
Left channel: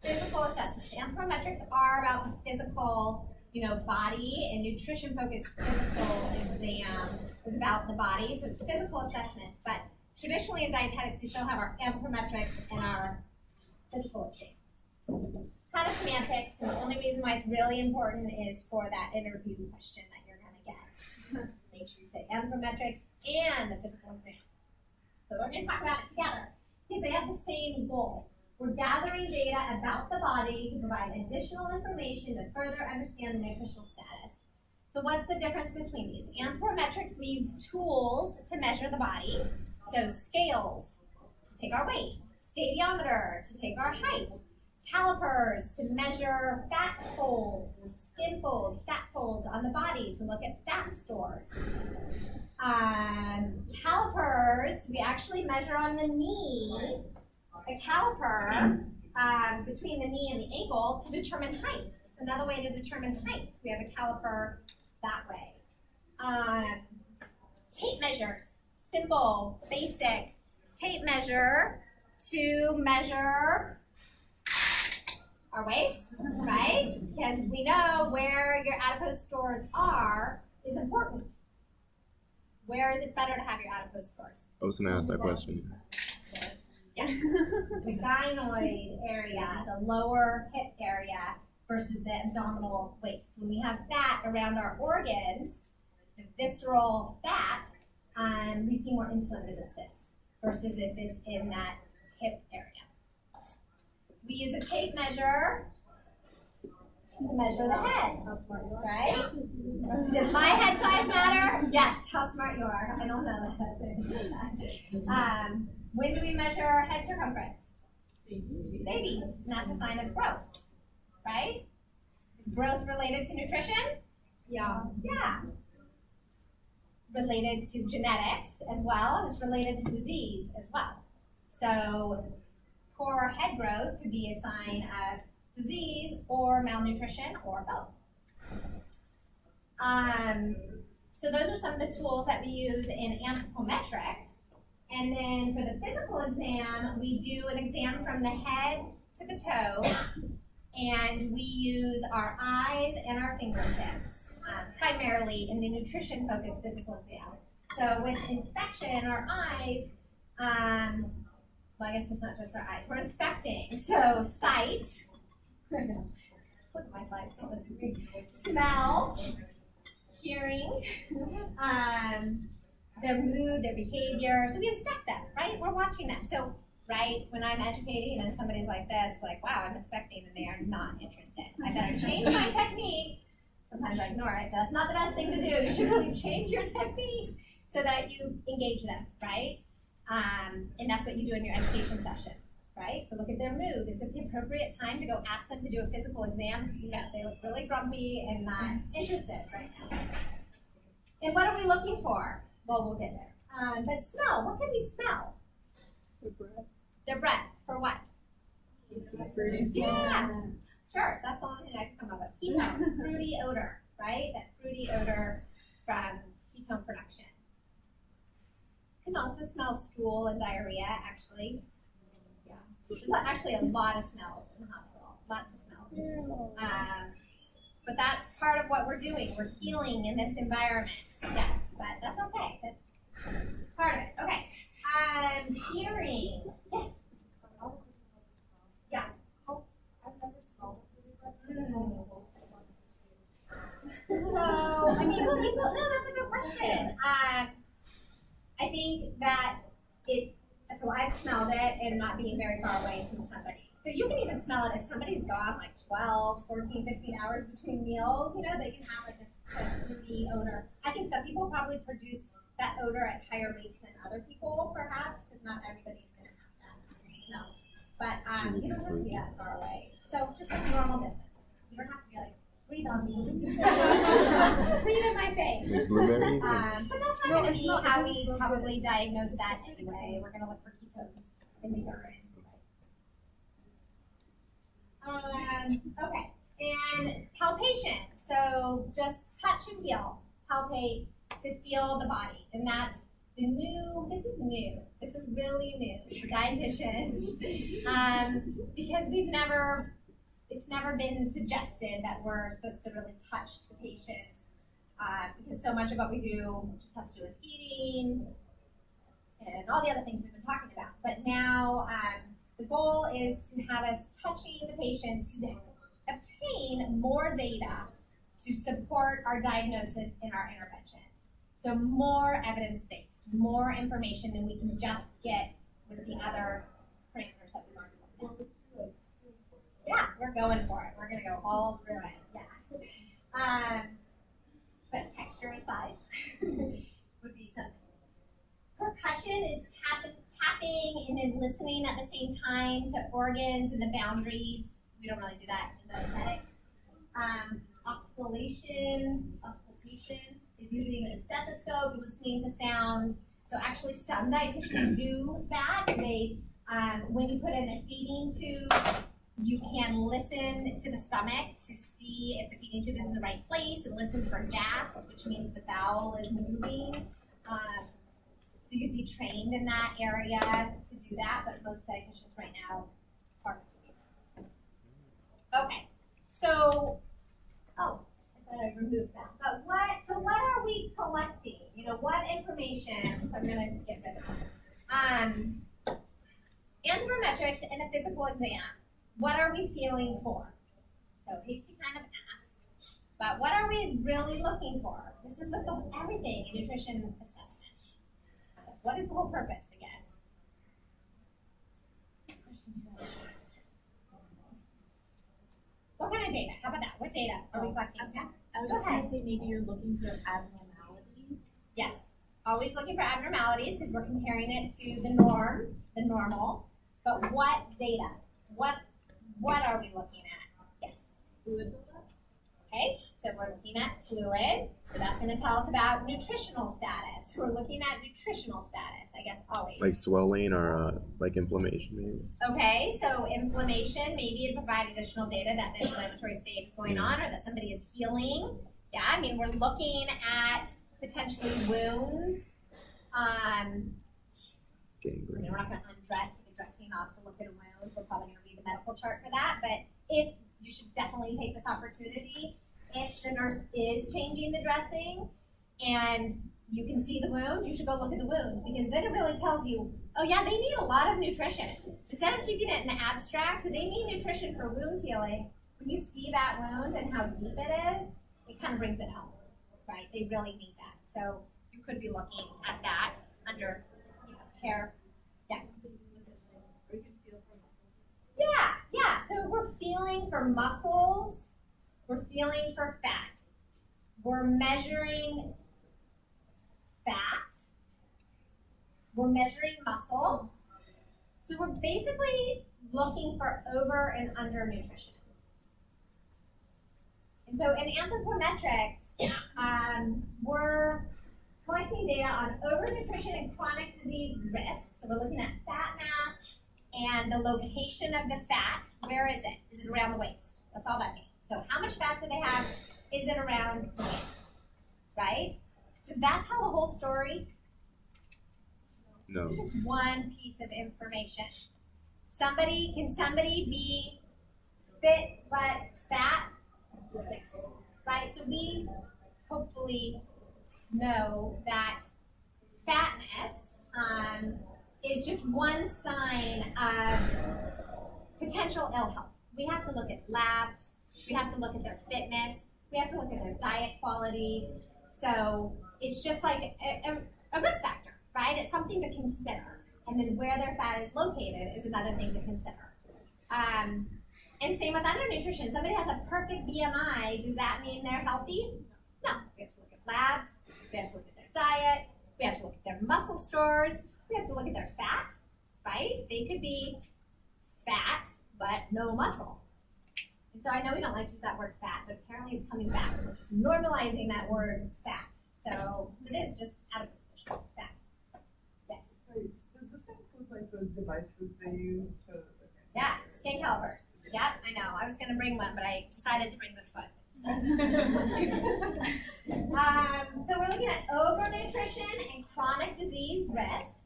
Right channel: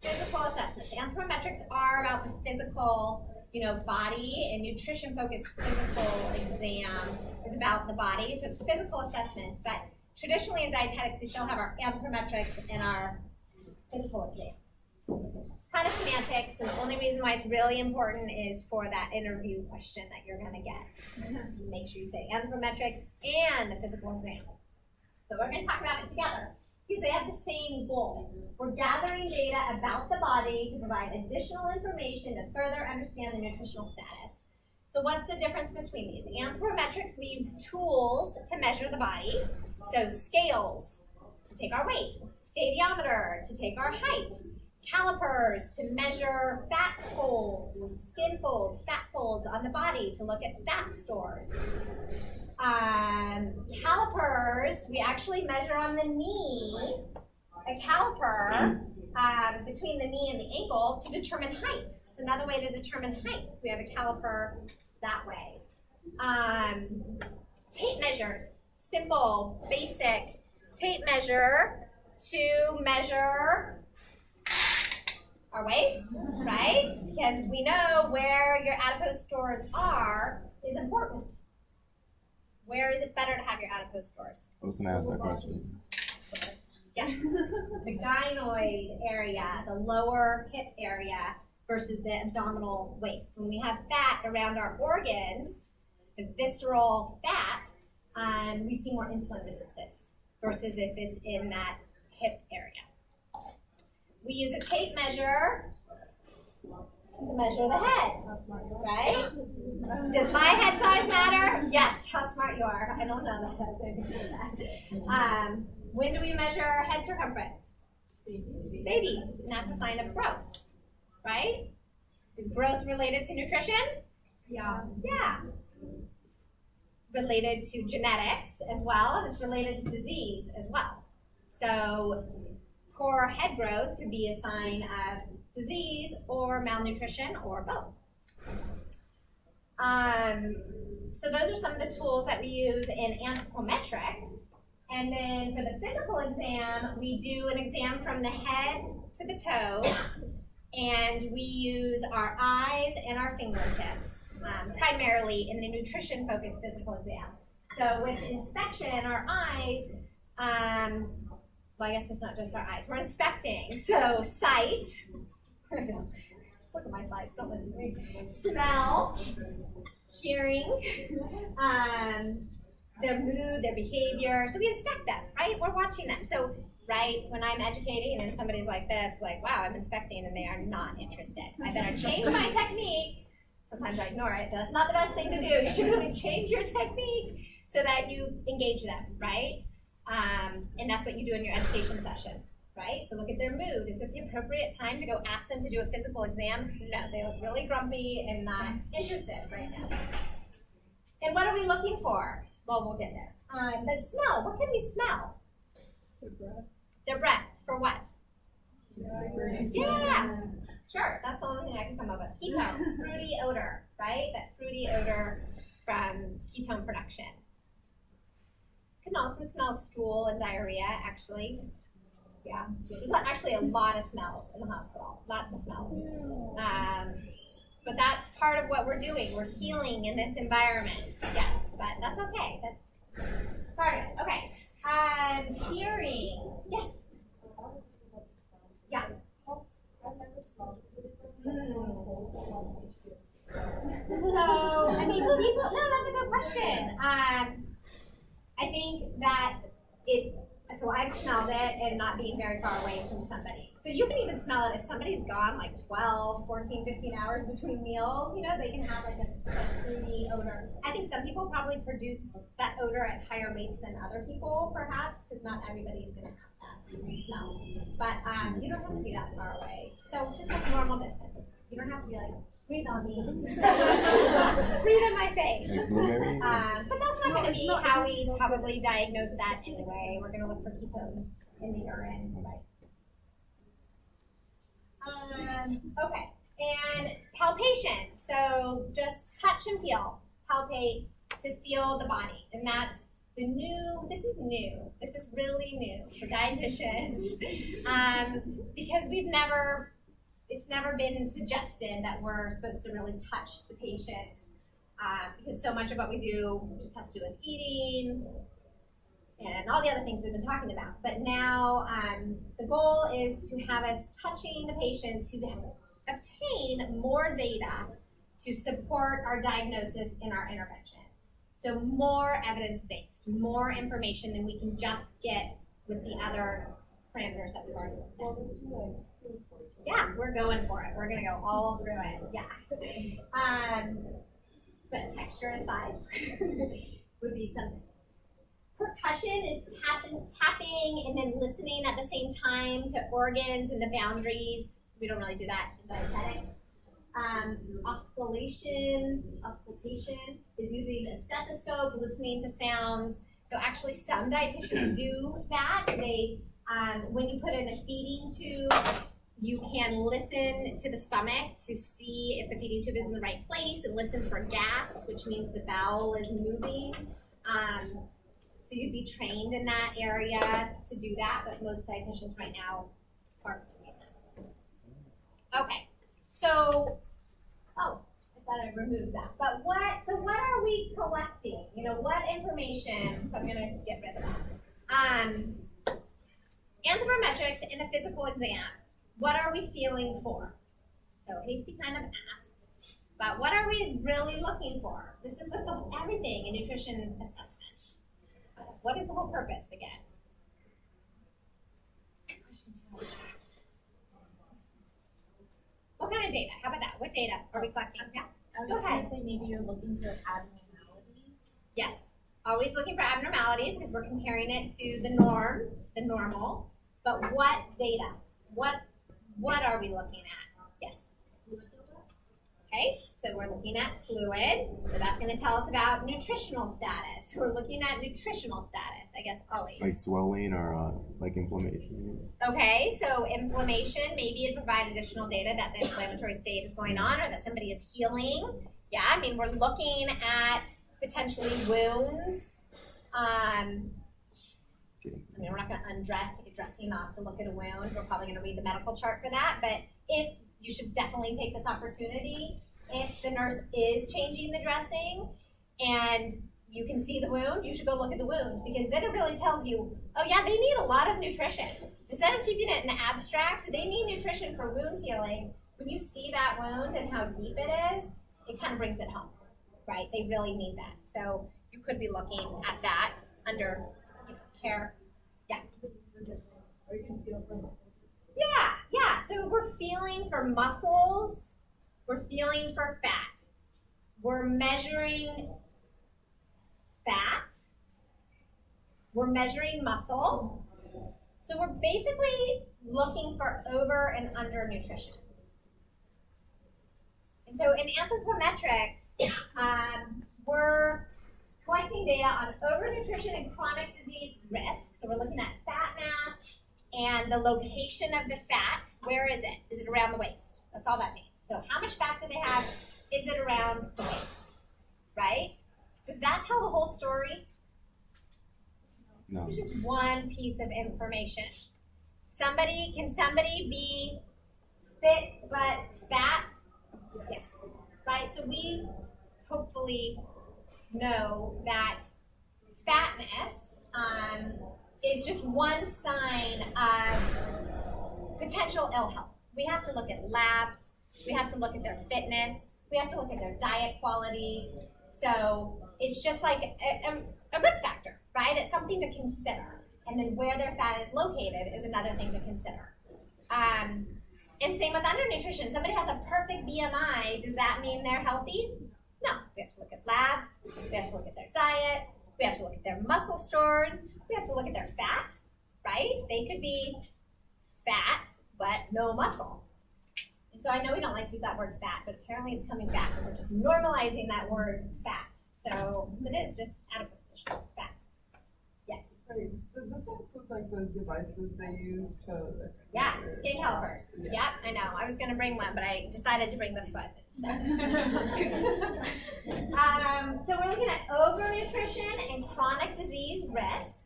Physical assessments. Anthropometrics are about the physical, body, and nutrition-focused physical exam is about the body. So it's physical assessments. But traditionally in dietetics, we still have our anthropometrics and our physical exam. Kind of semantics, and the only reason why it's really important is for that interview question that you're going to get. Make sure you say anthropometrics and the physical exam. So we're going to talk about it together because they have the same goal. We're gathering data about the body to provide additional information to further understand the nutritional status. So what's the difference between these? Anthropometrics, we use tools to measure the body. So scales to take our weight, stadiometer to take our height, calipers to measure fat folds, skin folds, fat folds on the body to look at fat stores. Calipers, we actually measure on the knee, a caliper between the knee and the ankle to determine height. It's another way to determine height. We have a caliper that way. Tape measures, simple, basic tape measure to measure Our waist, right? Because we know where your adipose stores are is important. Where is it better to have your adipose stores? I was gonna ask that question. Yeah. The gynoid area, the lower hip area versus the abdominal waist. When we have fat around our organs, the visceral fat, we see more insulin resistance versus if it's in that hip area. We use a tape measure to measure the head, right? Does my head size matter? Yes, how smart you are. I don't know that. When do we measure head circumference? Babies, and that's a sign of growth, right? Is growth related to nutrition? Yeah. Yeah. Related to genetics as well, and it's related to disease as well. So poor head growth could be a sign of disease or malnutrition or both. So those are some of the tools that we use in anthropometrics. And then for the physical exam, we do an exam from the head to the toe, and we use our eyes and our fingertips, primarily in the nutrition-focused physical exam. So with inspection, our eyes, well, I guess it's not just our eyes, we're inspecting. So sight, just look at my slides, don't listen to me. Smell, hearing, their mood, their behavior. So we inspect them, right? We're watching them. So, right, when I'm educating and somebody's like this, like, wow, I'm inspecting, and they are not interested. I better change my technique. Sometimes I ignore it. That's not the best thing to do. You should really change your technique so that you engage them, right? And that's what you do in your education session, right? So look at their mood. Is it the appropriate time to go ask them to do a physical exam? No, they look really grumpy and not interested right now. And what are we looking for? Well, we'll get there. But smell, what can we smell? Their breath. Their breath, for what? Fruity smell. Yeah, sure, that's the only thing I can come up with. Ketones, fruity odor, right? That fruity odor from ketone production. You can also smell stool and diarrhea, actually. Yeah, there's actually a lot of smells in the hospital, lots of smells. But that's part of what we're doing. We're healing in this environment, yes, but that's okay. That's part of it. Okay. Hearing. Yes. Yeah. I've never smelled So, I mean, people, no, that's a good question. I think that so I've smelled it and not being very far away from somebody. So you can even smell it if somebody's gone like 12, 14, 15 hours between meals, you know, they can have like a fruity odor. I think some people probably produce that odor at higher rates than other people, perhaps, because not everybody's going to have that smell. But you don't have to be that far away. So just like normal distance. You don't have to be like, breathe on me. Breathe in my face. But that's not going to be how we probably diagnose that anyway. We're going to look for ketones in the urine. Okay, and palpation. So just touch and feel. Palpate to feel the body. And that's the new, this is new. This is really new for dietitians. Because it's never been suggested that we're supposed to really touch the patients. Because so much of what we do just has to do with eating and all the other things we've been talking about. But now the goal is to have us touching the patient to obtain more data to support our diagnosis and our interventions. So more evidence-based, more information than we can just get with the other parameters that we've already looked at. Yeah, we're going for it. We're going to go all through it. Yeah. But texture and size would be something. Percussion is tapping and then listening at the same time to organs and the boundaries. We don't really do that in dietetics. Auscultation is using a stethoscope, listening to sounds. So actually some dietitians do that. They, when you put in a feeding tube, you can listen to the stomach to see if the feeding tube is in the right place and listen for gas, which means the bowel is moving. So you'd be trained in that area to do that, but most dietitians right now aren't doing Okay, so, oh, I thought I removed that. But what are we collecting? You know, what information, so I'm gonna get rid of that. Anthropometrics in the physical exam, what are we feeling for? So Hasty kind of asked, but what are we really looking for? This is with everything in nutrition assessment. What is the whole purpose again? Question 2 abstracts. What kind of data? How about that? What data are we collecting? Yeah. I was Go just gonna ahead. say maybe you're looking for abnormalities. Yes. Always looking for abnormalities because we're comparing it to the norm, the normal. But what data? What are we looking at? Yes. Fluid buildup? Okay, so we're looking at fluid. So that's going to tell us about nutritional status. We're looking at nutritional status, I guess, always. Like swelling or like inflammation, maybe. Okay, so inflammation, maybe it provide additional data that the inflammatory state is going on or that somebody is healing. Yeah, I mean, we're looking at potentially wounds. I mean, we're not going to take a dressing off to look at a wound. We're probably going to read the medical chart for that. But if you should definitely take this opportunity, if the nurse is changing the dressing and you can see the wound, you should go look at the wound because then it really tells you, oh yeah, they need a lot of nutrition. Instead of keeping it in the abstract, so they need nutrition for wound healing. When you see that wound and how deep it is, it kind of brings it home, right? They really need that. So you could be looking at that under care. Yeah. Or you can feel for muscles. Yeah. So we're feeling for muscles. We're feeling for fat. We're measuring fat. We're measuring muscle. So we're basically looking for over and under nutrition. And so in anthropometrics, we're collecting data on overnutrition and chronic disease risk. So we're looking at fat mass and the location of the fat. Where is it? Is it around the waist? That's all that means. So how much fat do they have? Is it around the waist? Right? Does that tell the whole story? No. This is just one piece of information. Can somebody be fit but fat? Yes. Right? So we hopefully know that fatness is just one sign of potential ill health. We have to look at labs. We have to look at their fitness. We have to look at their diet quality. So it's just like a risk factor, right? It's something to consider. And then where their fat is located is another thing to consider. And same with undernutrition. Somebody has a perfect BMI. Does that mean they're healthy? No. We have to look at labs. We have to look at their diet. We have to look at their muscle stores. We have to look at their fat, right? They could be fat, but no muscle. And so I know we don't like to use that word fat, but apparently it's coming back, and we're just normalizing that word fat. So it is just adipose, fat. Yes. Sorry, does this include like the devices they use to? Yeah, skin calipers. Yeah. Yep, I know. I was going to bring one, but I decided to bring the foot instead. So we're looking at overnutrition and chronic disease risk.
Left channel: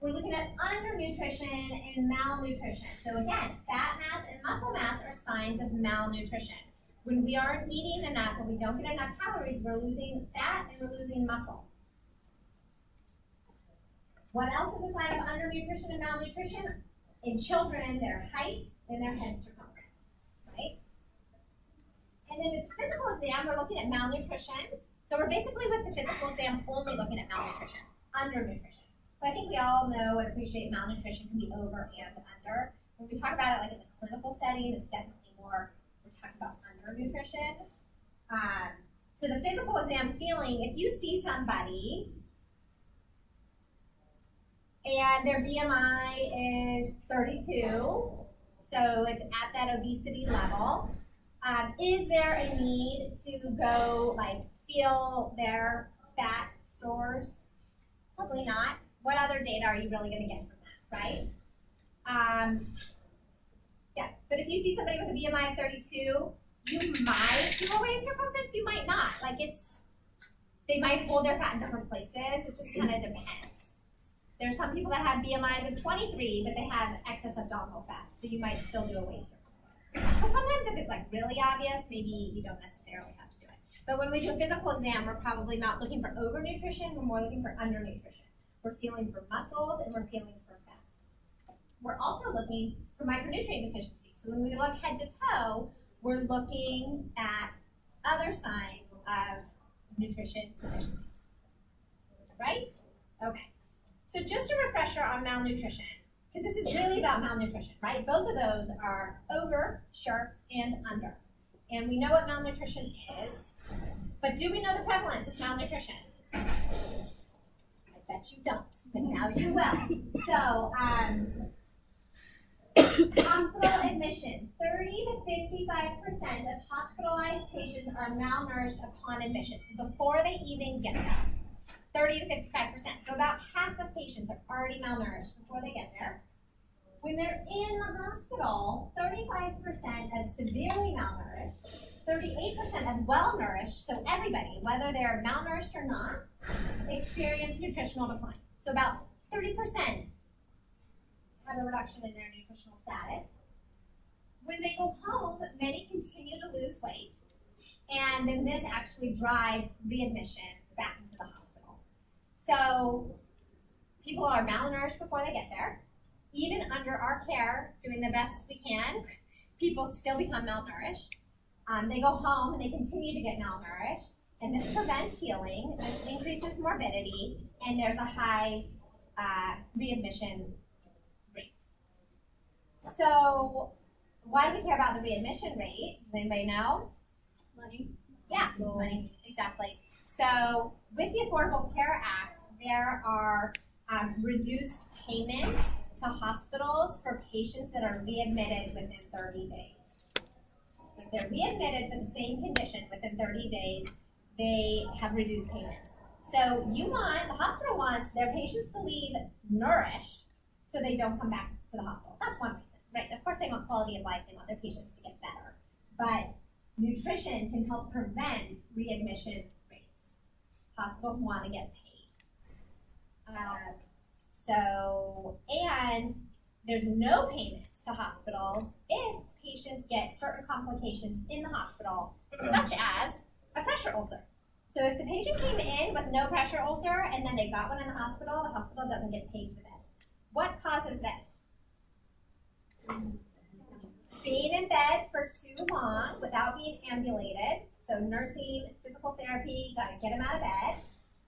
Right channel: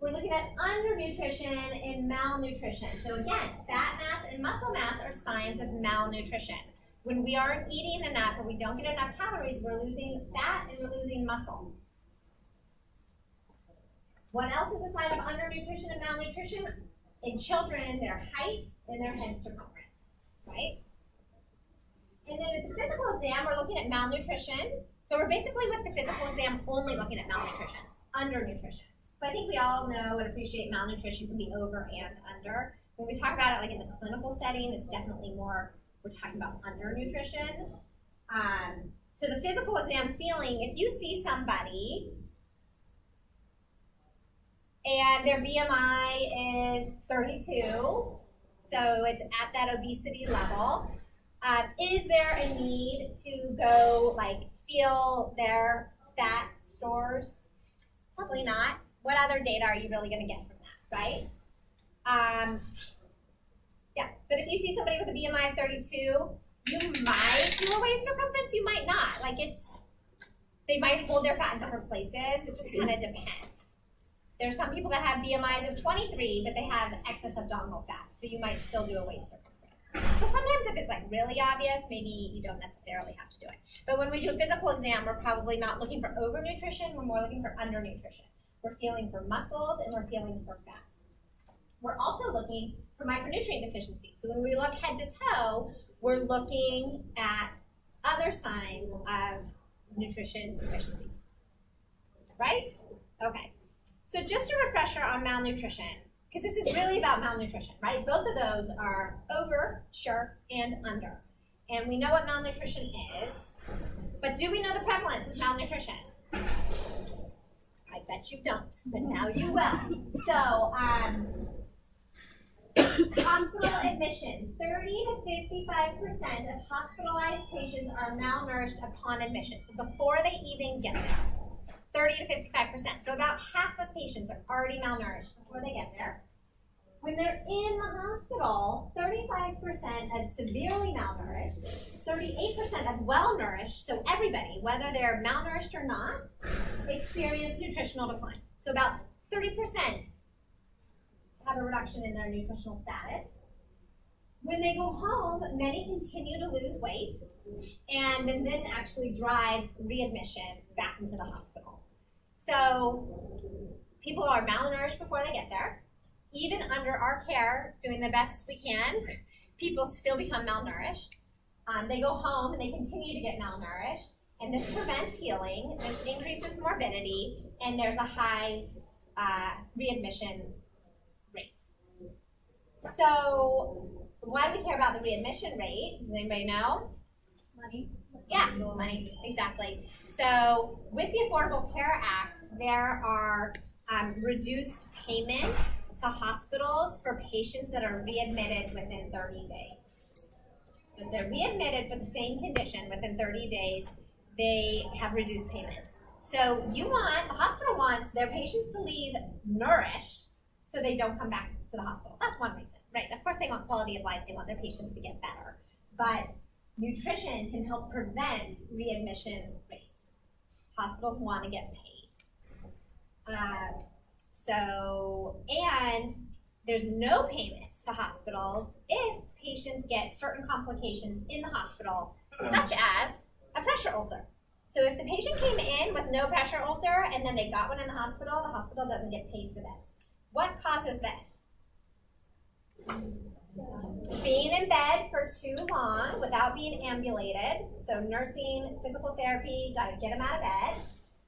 We're looking at undernutrition and malnutrition. So again, fat mass and muscle mass are signs of malnutrition. When we aren't eating enough or we don't get enough calories, we're losing fat and we're losing muscle. What else is a sign of undernutrition and malnutrition? In children, their height and their head circumference, right? And then with the physical exam, we're looking at malnutrition. So we're basically with the physical exam only looking at malnutrition, undernutrition. So I think we all know and appreciate malnutrition can be over and under. When we talk about it like in the clinical setting, it's definitely more, we're talking about undernutrition. So the physical exam feeling, if you see somebody and their BMI is 32, so it's at that obesity level, is there a need to go like feel their fat stores? Probably not. What other data are you really going to get from that, right? Yeah, but if you see somebody with a BMI of 32, you might do a waist circumference, you might not. Like they might hold their fat in different places. It just kind of depends. There's some people that have BMIs of 23, but they have excess abdominal fat, so you might still do a waist circumference. So sometimes if it's like really obvious, maybe you don't necessarily have to do it. But when we do a physical exam, we're probably not looking for overnutrition, we're more looking for undernutrition. We're feeling for muscles and we're feeling for fat. We're also looking for micronutrient deficiency. So when we look head to toe, we're looking at other signs of nutrition deficiencies. Right? Okay. So just a refresher on malnutrition, because this is really about malnutrition, right? Both of those are over, sure, and under. And we know what malnutrition is, but do we know the prevalence of malnutrition? I bet you don't, but now you will. So, hospital admission, 30 to 55% of hospitalized patients are malnourished upon admission, so before they even get there. 30 to 55%. So about half of patients are already malnourished before they get there. When they're in the hospital, 35% of severely malnourished, 38% of well-nourished, so everybody, whether they're malnourished or not, experience nutritional decline. So about 30% have a reduction in their nutritional status. When they go home, many continue to lose weight, and then this actually drives readmission back into the hospital. So people are malnourished before they get there. Even under our care, doing the best we can, people still become malnourished. They go home and they continue to get malnourished, and this prevents healing, this increases morbidity, and there's a high readmission rate. So why do we care about the readmission rate? Does anybody know? Money. Yeah, money, exactly. So with the Affordable Care Act, there are reduced payments to hospitals for patients that are readmitted within 30 days. So if they're readmitted for the same condition within 30 days, they have reduced payments. So the hospital wants their patients to leave nourished so they don't come back to the hospital. That's one reason, right? Of course they want quality of life, they want their patients to get better. But nutrition can help prevent readmission rates. Hospitals want to get paid. And there's no payments to hospitals if patients get certain complications in the hospital, such as a pressure ulcer. So if the patient came in with no pressure ulcer and then they got one in the hospital doesn't get paid for this. What causes this? Being in bed for too long without being ambulated. So nursing, physical therapy, gotta get them out of bed.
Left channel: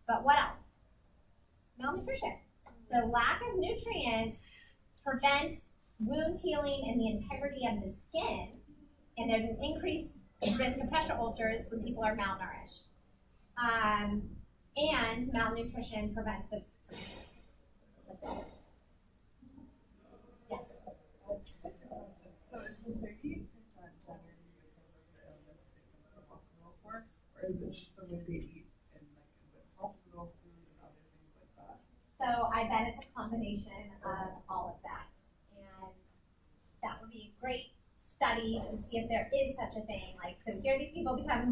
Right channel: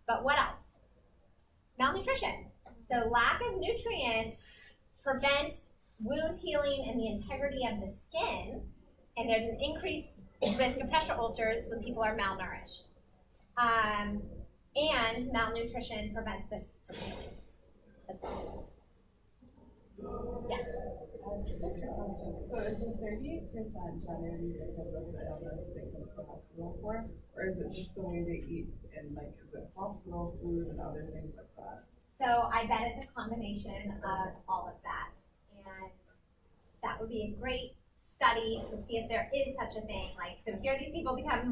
But what else? Malnutrition. So lack of nutrients prevents wound healing and the integrity of the skin, and there's an increased risk of pressure ulcers when people are malnourished. And malnutrition prevents this from happening as well. Yes? Just a quick question. So is the 38% generally because of the illness they come to the hospital for? Or is it just the way they eat and like, is it hospital food and other things like that? So I bet it's a combination of all of that. And that would be a great study to see if there is such a thing. Like, so here these people become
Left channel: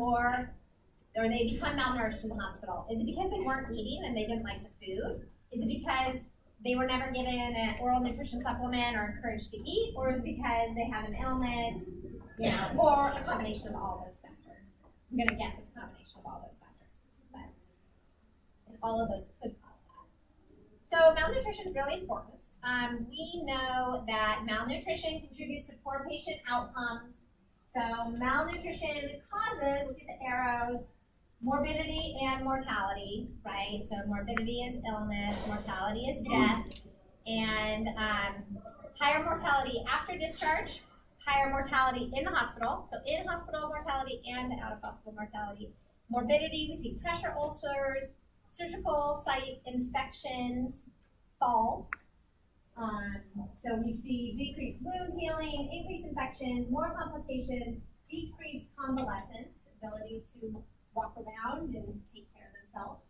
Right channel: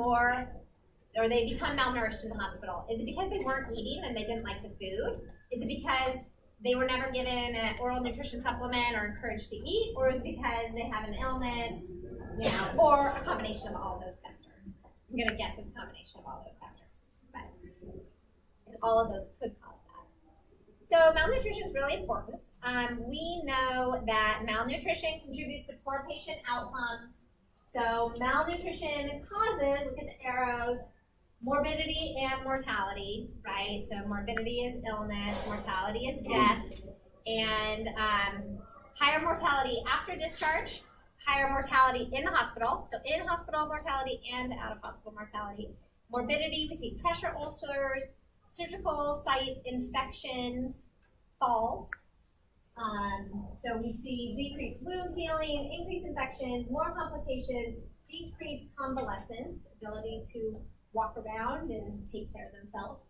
they become malnourished in the hospital. Is it because they weren't eating and they didn't like the food? Is it because they were never given an oral nutrition supplement or encouraged to eat? Or is it because they have an illness, or a combination of all those factors? I'm gonna guess it's a combination of all those factors. And all of those could cause that. So malnutrition is really important. We know that malnutrition contributes to poor patient outcomes. So malnutrition causes, look at the arrows, morbidity and mortality, right? So morbidity is illness, mortality is death, and higher mortality after discharge, higher mortality in the hospital, so in-hospital mortality and out-of-hospital mortality. Morbidity, we see pressure ulcers, surgical site infections, falls. So we see decreased wound healing, increased infections, more complications, decreased convalescence, ability to walk around and take care of themselves.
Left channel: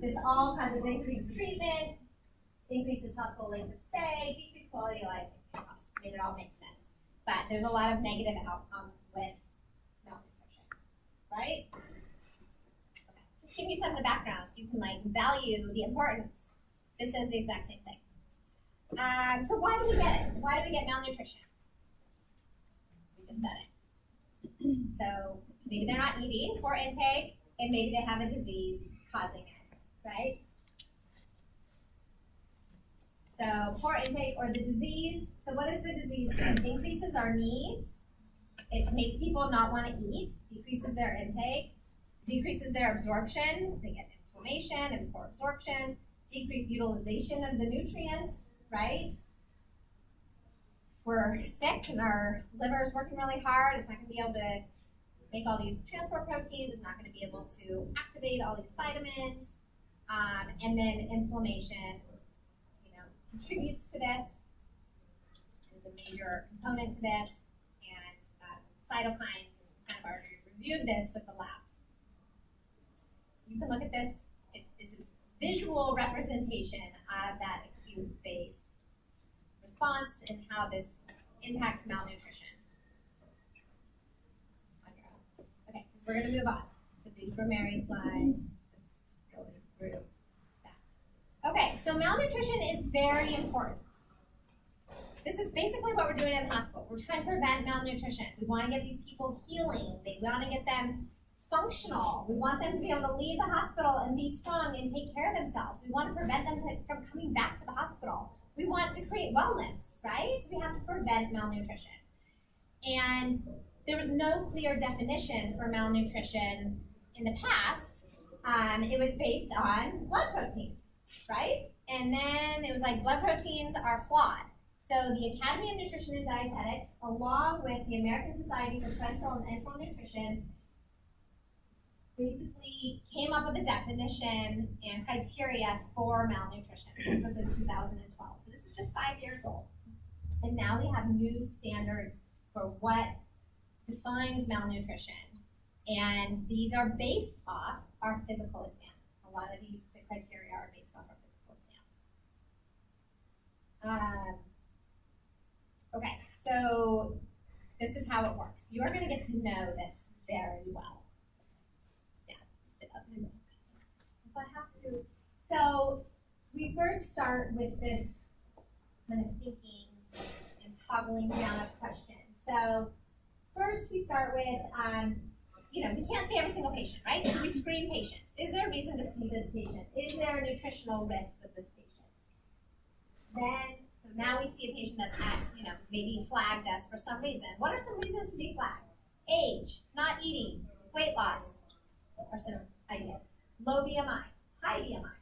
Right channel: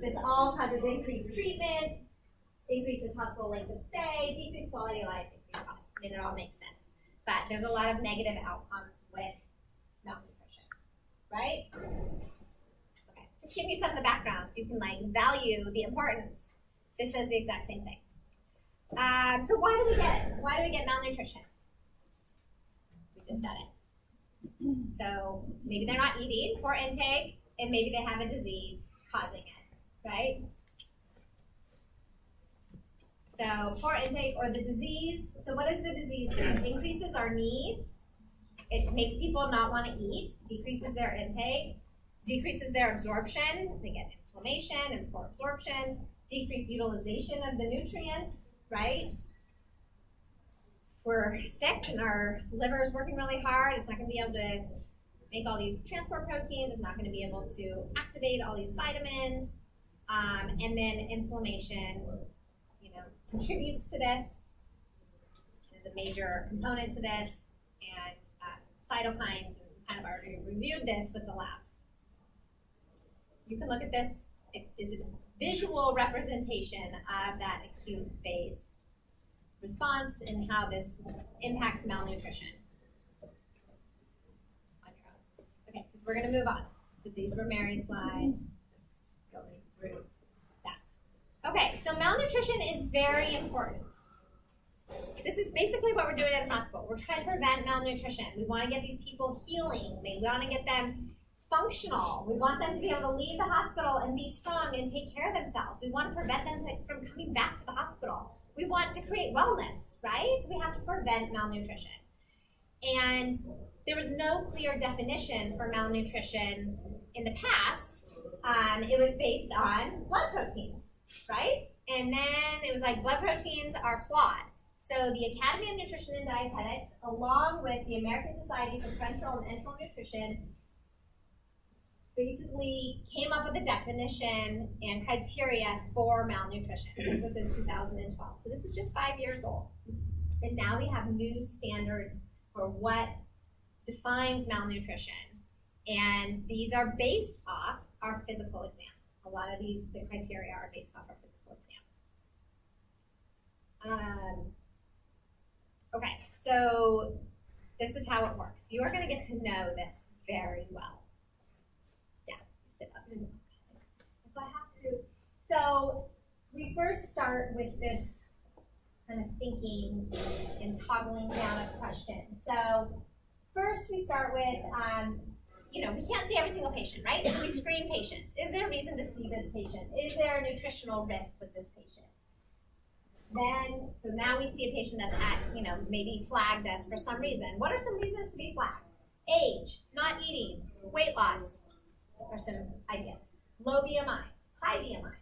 This all causes increased treatment, increases hospital length of stay, decreased quality of life, increased cost. I mean, it all makes sense. But there's a lot of negative outcomes with malnutrition, right? Okay, just give you some of the background so you can value the importance. This says the exact same thing. So why do we get it? Why do we get malnutrition? just said it. So maybe they're not eating, poor intake, and maybe they have a disease causing it, right? So poor intake or the disease. So what does the disease do? It increases our needs. It makes people not want to eat, decreases their intake, decreases their absorption. They get inflammation and poor absorption, decreased utilization of the nutrients, right? We're sick and our liver is working really hard. It's not going to be able to make all these transport proteins. It's not going to be able to activate all these vitamins. And then inflammation, contributes to this. It is a major component to this. And cytokines, and kind of already reviewed this with the labs. You can look at this. It is a visual representation of that acute phase response and how this impacts malnutrition on your own. Okay, because we're going to move on. So these were Mary's slides, just going through that. Okay, so malnutrition is very important. This is basically what we're doing at the hospital. We're trying to prevent malnutrition. We want to get these people healing. We want to get them functional. We want them to be able to leave the hospital and be strong and take care of themselves. We want to prevent them from coming back to the hospital. We want to create wellness, right? So we have to prevent malnutrition. And there was no clear definition for malnutrition in the past. It was based on blood proteins, right? And then it was like blood proteins are flawed. So the Academy of Nutrition and Dietetics, along with the American Society for Parenteral and Enteral Nutrition, basically came up with a definition and criteria for malnutrition. This was in 2012. So this is just 5 years old. And now we have new standards for what defines malnutrition. And these are based off our physical exam. A lot of the criteria are based off our physical exam. Okay, so this is how it works. You are going to get to know this very well. Yeah, sit up and if I have to. So we first start with this kind of thinking and toggling down of questions. So first we start with, we can't see every single patient, right? So we screen patients. Is there a reason to see this patient? Is there a nutritional risk with this patient? Then, so now we see a patient that's at, maybe flagged us for some reason. What are some reasons to be flagged? Age, not eating, weight loss, are some ideas. Low BMI, high BMI.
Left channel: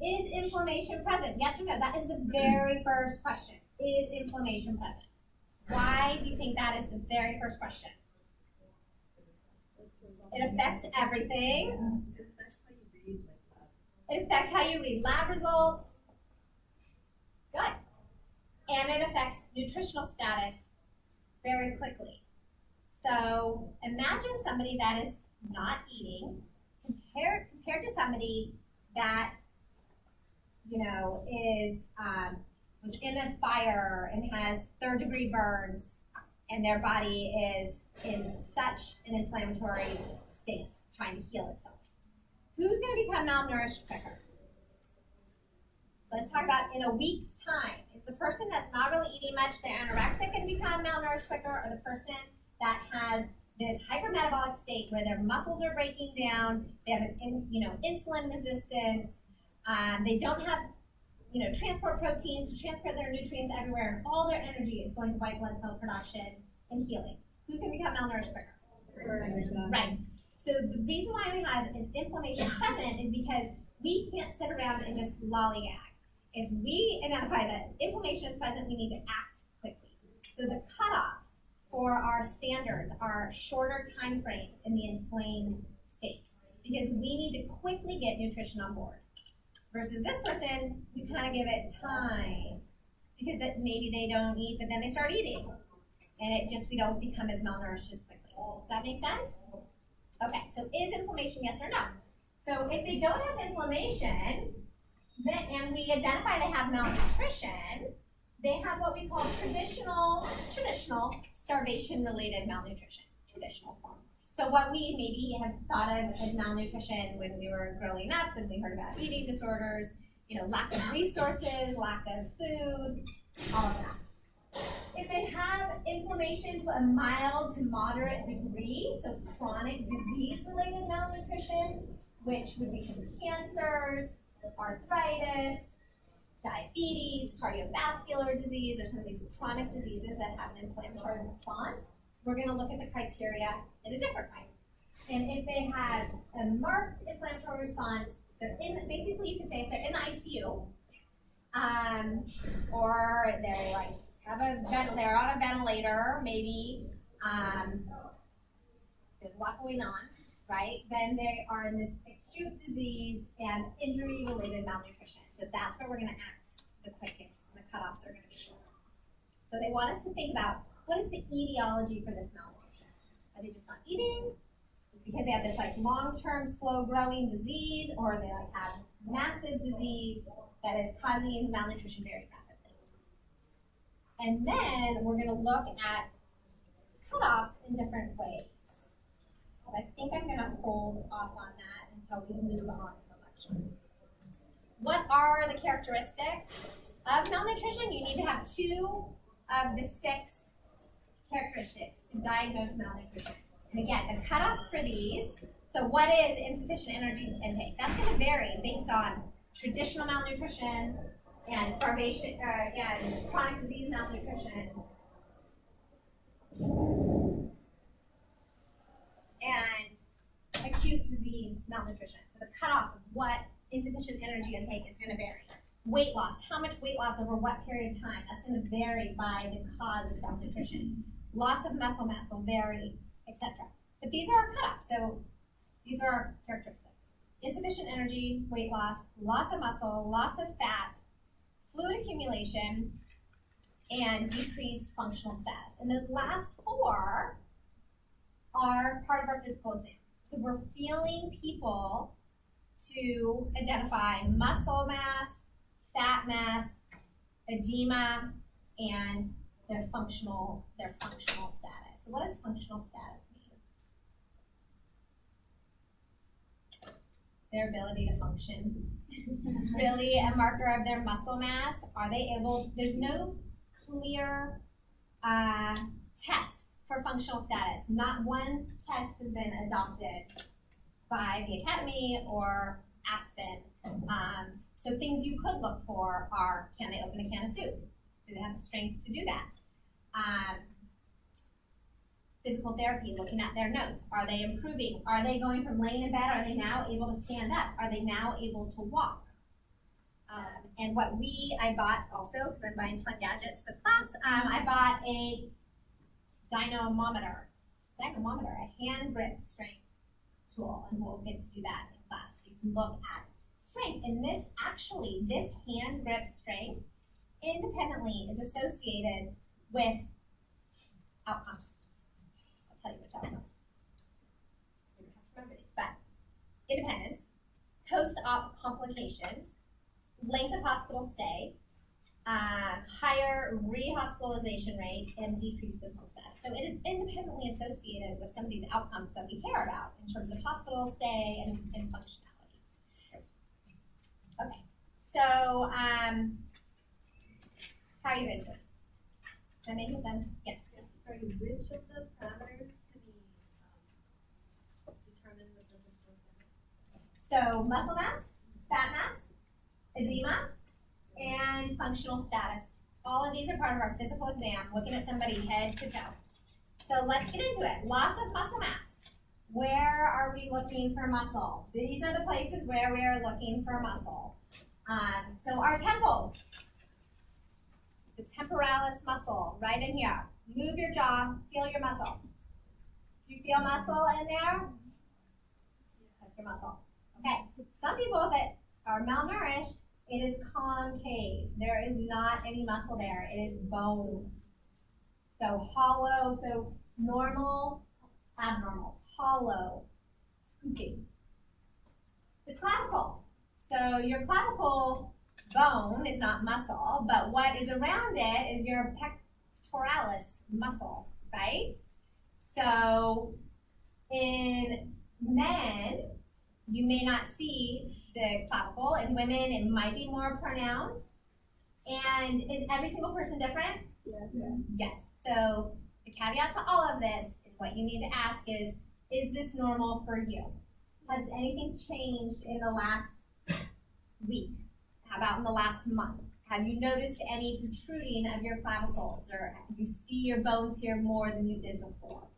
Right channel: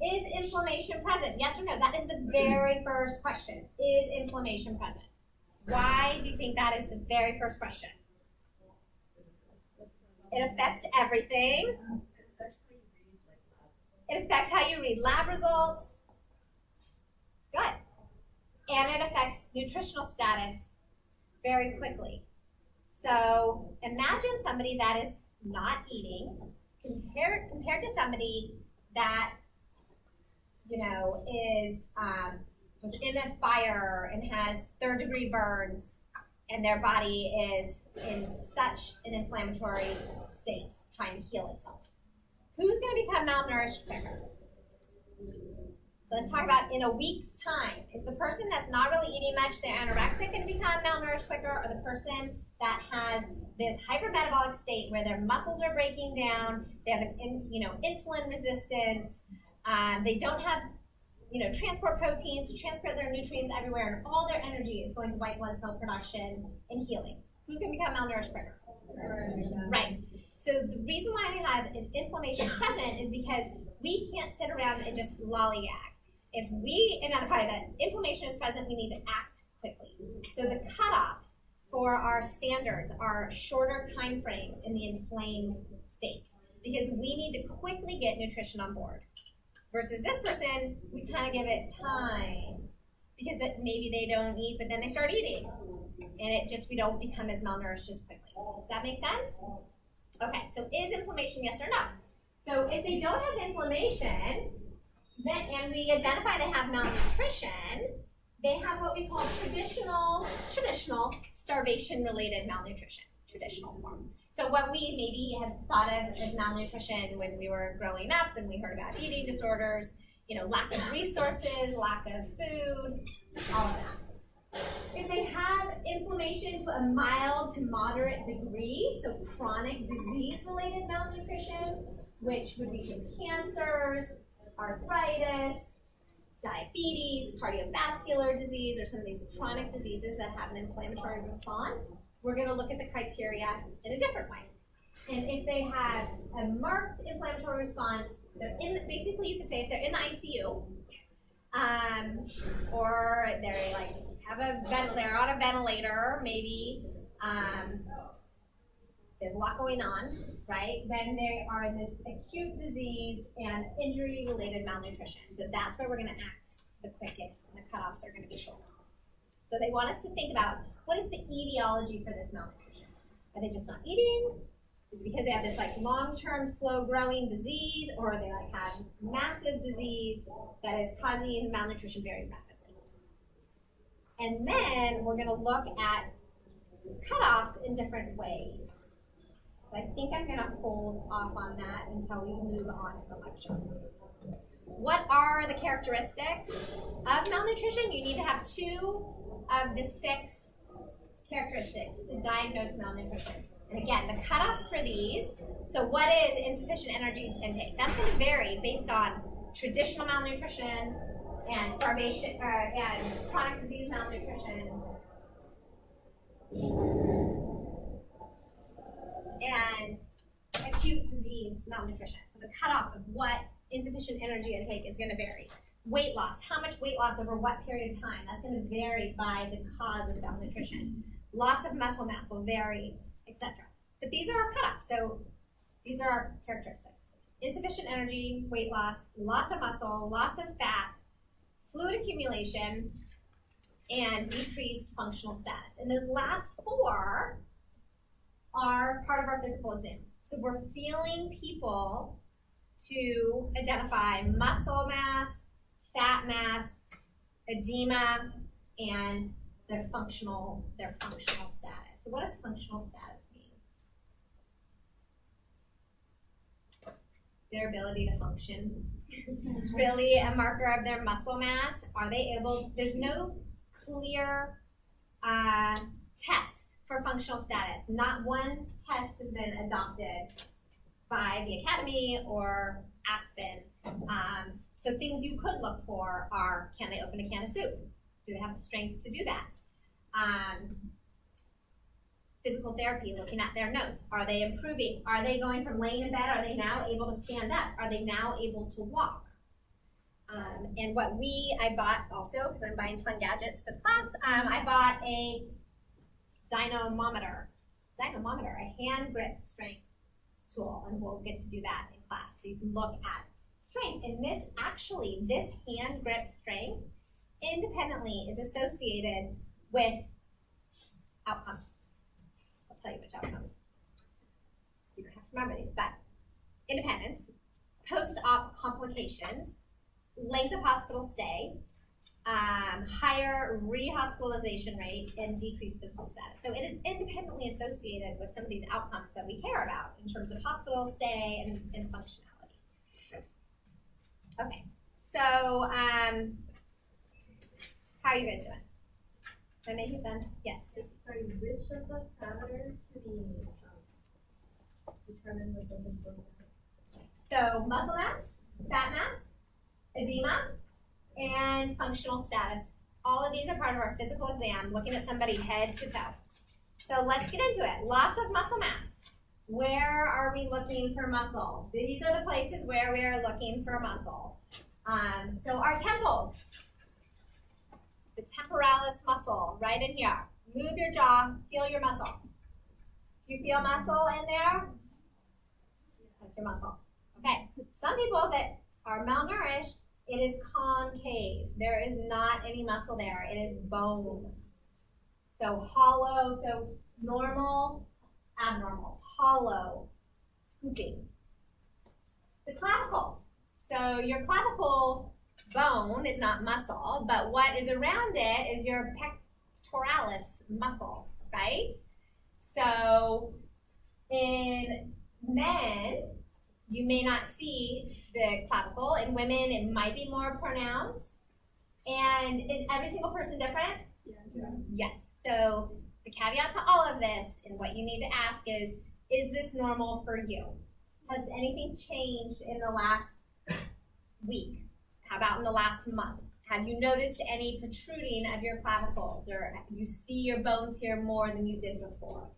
Is inflammation present? Yes or no? That is the very first question. Is inflammation present? Why do you think that is the very first question? It affects everything. It affects how you read lab results. Good. And it affects nutritional status very quickly. So imagine somebody that is not eating compared to somebody that, was in a fire and has third-degree burns and their body is in such an inflammatory state, trying to heal itself. Who's going to become malnourished quicker? Let's talk about in a week's time. Is the person that's not really eating much, they're anorexic, going to become malnourished quicker, or the person that has this hypermetabolic state where their muscles are breaking down, they have insulin resistance, they don't have transport proteins to transport their nutrients everywhere, and all their energy is going to white blood cell production and healing. Who's going to become malnourished quicker? Right. So the reason why we have is inflammation present is because we can't sit around and just lollygag. If we identify that inflammation is present, we need to act quickly. So the cutoffs for our standards are shorter time frames in the inflamed state because we need to quickly get nutrition on board. Versus this person, we kind of give it time because maybe they don't eat, but then they start eating. And we don't become as malnourished as quickly. Does that make sense? Okay, so is inflammation yes or no? So if they don't have inflammation, and we identify they have malnutrition, they have what we call traditional starvation-related malnutrition, traditional form. So what we maybe have thought of as malnutrition when we were growing up and we heard about eating disorders, lack of resources, lack of food, all of that. If they have inflammation to a mild to moderate degree, so chronic disease-related malnutrition, which would be from cancers, arthritis, diabetes, cardiovascular disease, or some of these chronic diseases that have an inflammatory response, we're going to look at the criteria in a different way. And if they have a marked inflammatory response, they're in, basically you could say if they're in the ICU, or they're like they're on a ventilator, maybe there's a lot going on, right? Then they are in this acute disease and injury-related malnutrition. So that's where we're going to act the quickest, and the cutoffs are going to be shorter. So they want us to think about, what is the etiology for this malnutrition? Are they just not eating? Is it because they have this like long-term slow-growing disease, or they like have massive disease that is causing malnutrition very rapidly? And then we're going to look at cutoffs in different ways. But I think I'm going to hold off on that until we move on in the lecture. What are the characteristics of malnutrition? You need to have 2 of the 6 characteristics to diagnose malnutrition. And again, the cutoffs for these, so what is insufficient energy intake? That's going to vary based on traditional malnutrition and starvation, and chronic disease malnutrition, and acute disease malnutrition. So the cutoff of what insufficient energy intake is going to vary. Weight loss, how much weight loss over what period of time? That's going to vary by the cause of malnutrition. Loss of muscle mass will vary, etc. But these are our cutoffs, so these are our characteristics. Insufficient energy, weight loss, loss of muscle, loss of fat, fluid accumulation, and decreased functional status. And those last 4 are part of our physical exam. So we're feeling people to identify muscle mass, fat mass, edema, and their functional status. So what does functional status mean? Their ability to function. It's really a marker of their muscle mass. Are they able, there's no clear test for functional status. Not one test has been adopted by the Academy or Aspen. So things you could look for are, can they open a can of soup? Do they have the strength to do that? Physical therapy, looking at their notes. Are they improving? Are they going from laying in bed? Are they now able to stand up? Are they now able to walk? And what I bought also, because I'm buying fun gadgets for the class, I bought a dynamometer, a hand grip strength tool, and we'll get to do that in class. So you can look at strength, and this hand grip strength independently is associated with outcomes. I'll tell you which outcomes. You don't have to remember these, but independence, post-op complications, length of hospital stay, higher rehospitalization rate, and decreased physical status. So it is independently associated with some of these outcomes that we care about in terms of hospital stay and functionality. Okay, so how are you guys doing? Am I making sense? Yes. Sorry, which of the parameters can be determined with the physical exam? So muscle mass, fat mass, edema, and functional status. All of these are part of our physical exam, looking at somebody head to toe. So let's get into it. Loss of muscle mass. Where are we looking for muscle? These are the places where we are looking for muscle. So our temples, the temporalis muscle, right in here. Move your jaw, feel your muscle. Do you feel muscle in there? That's your muscle. Okay, some people that are malnourished, it is concave. There is not any muscle there. It is bone. So hollow, so normal, abnormal, hollow, scooping. The clavicle. So your clavicle bone is not muscle, but what is around it is your pectoralis muscle, right? So in men, you may not see the clavicle. In women, it might be more pronounced. And is every single person different? Yes. Yes. So the caveat to all of this and what you need to ask is this normal for you? Has anything changed in the last week? How about in the last month? Have you noticed any protruding of your clavicles, or do you see your bones here more than you did before?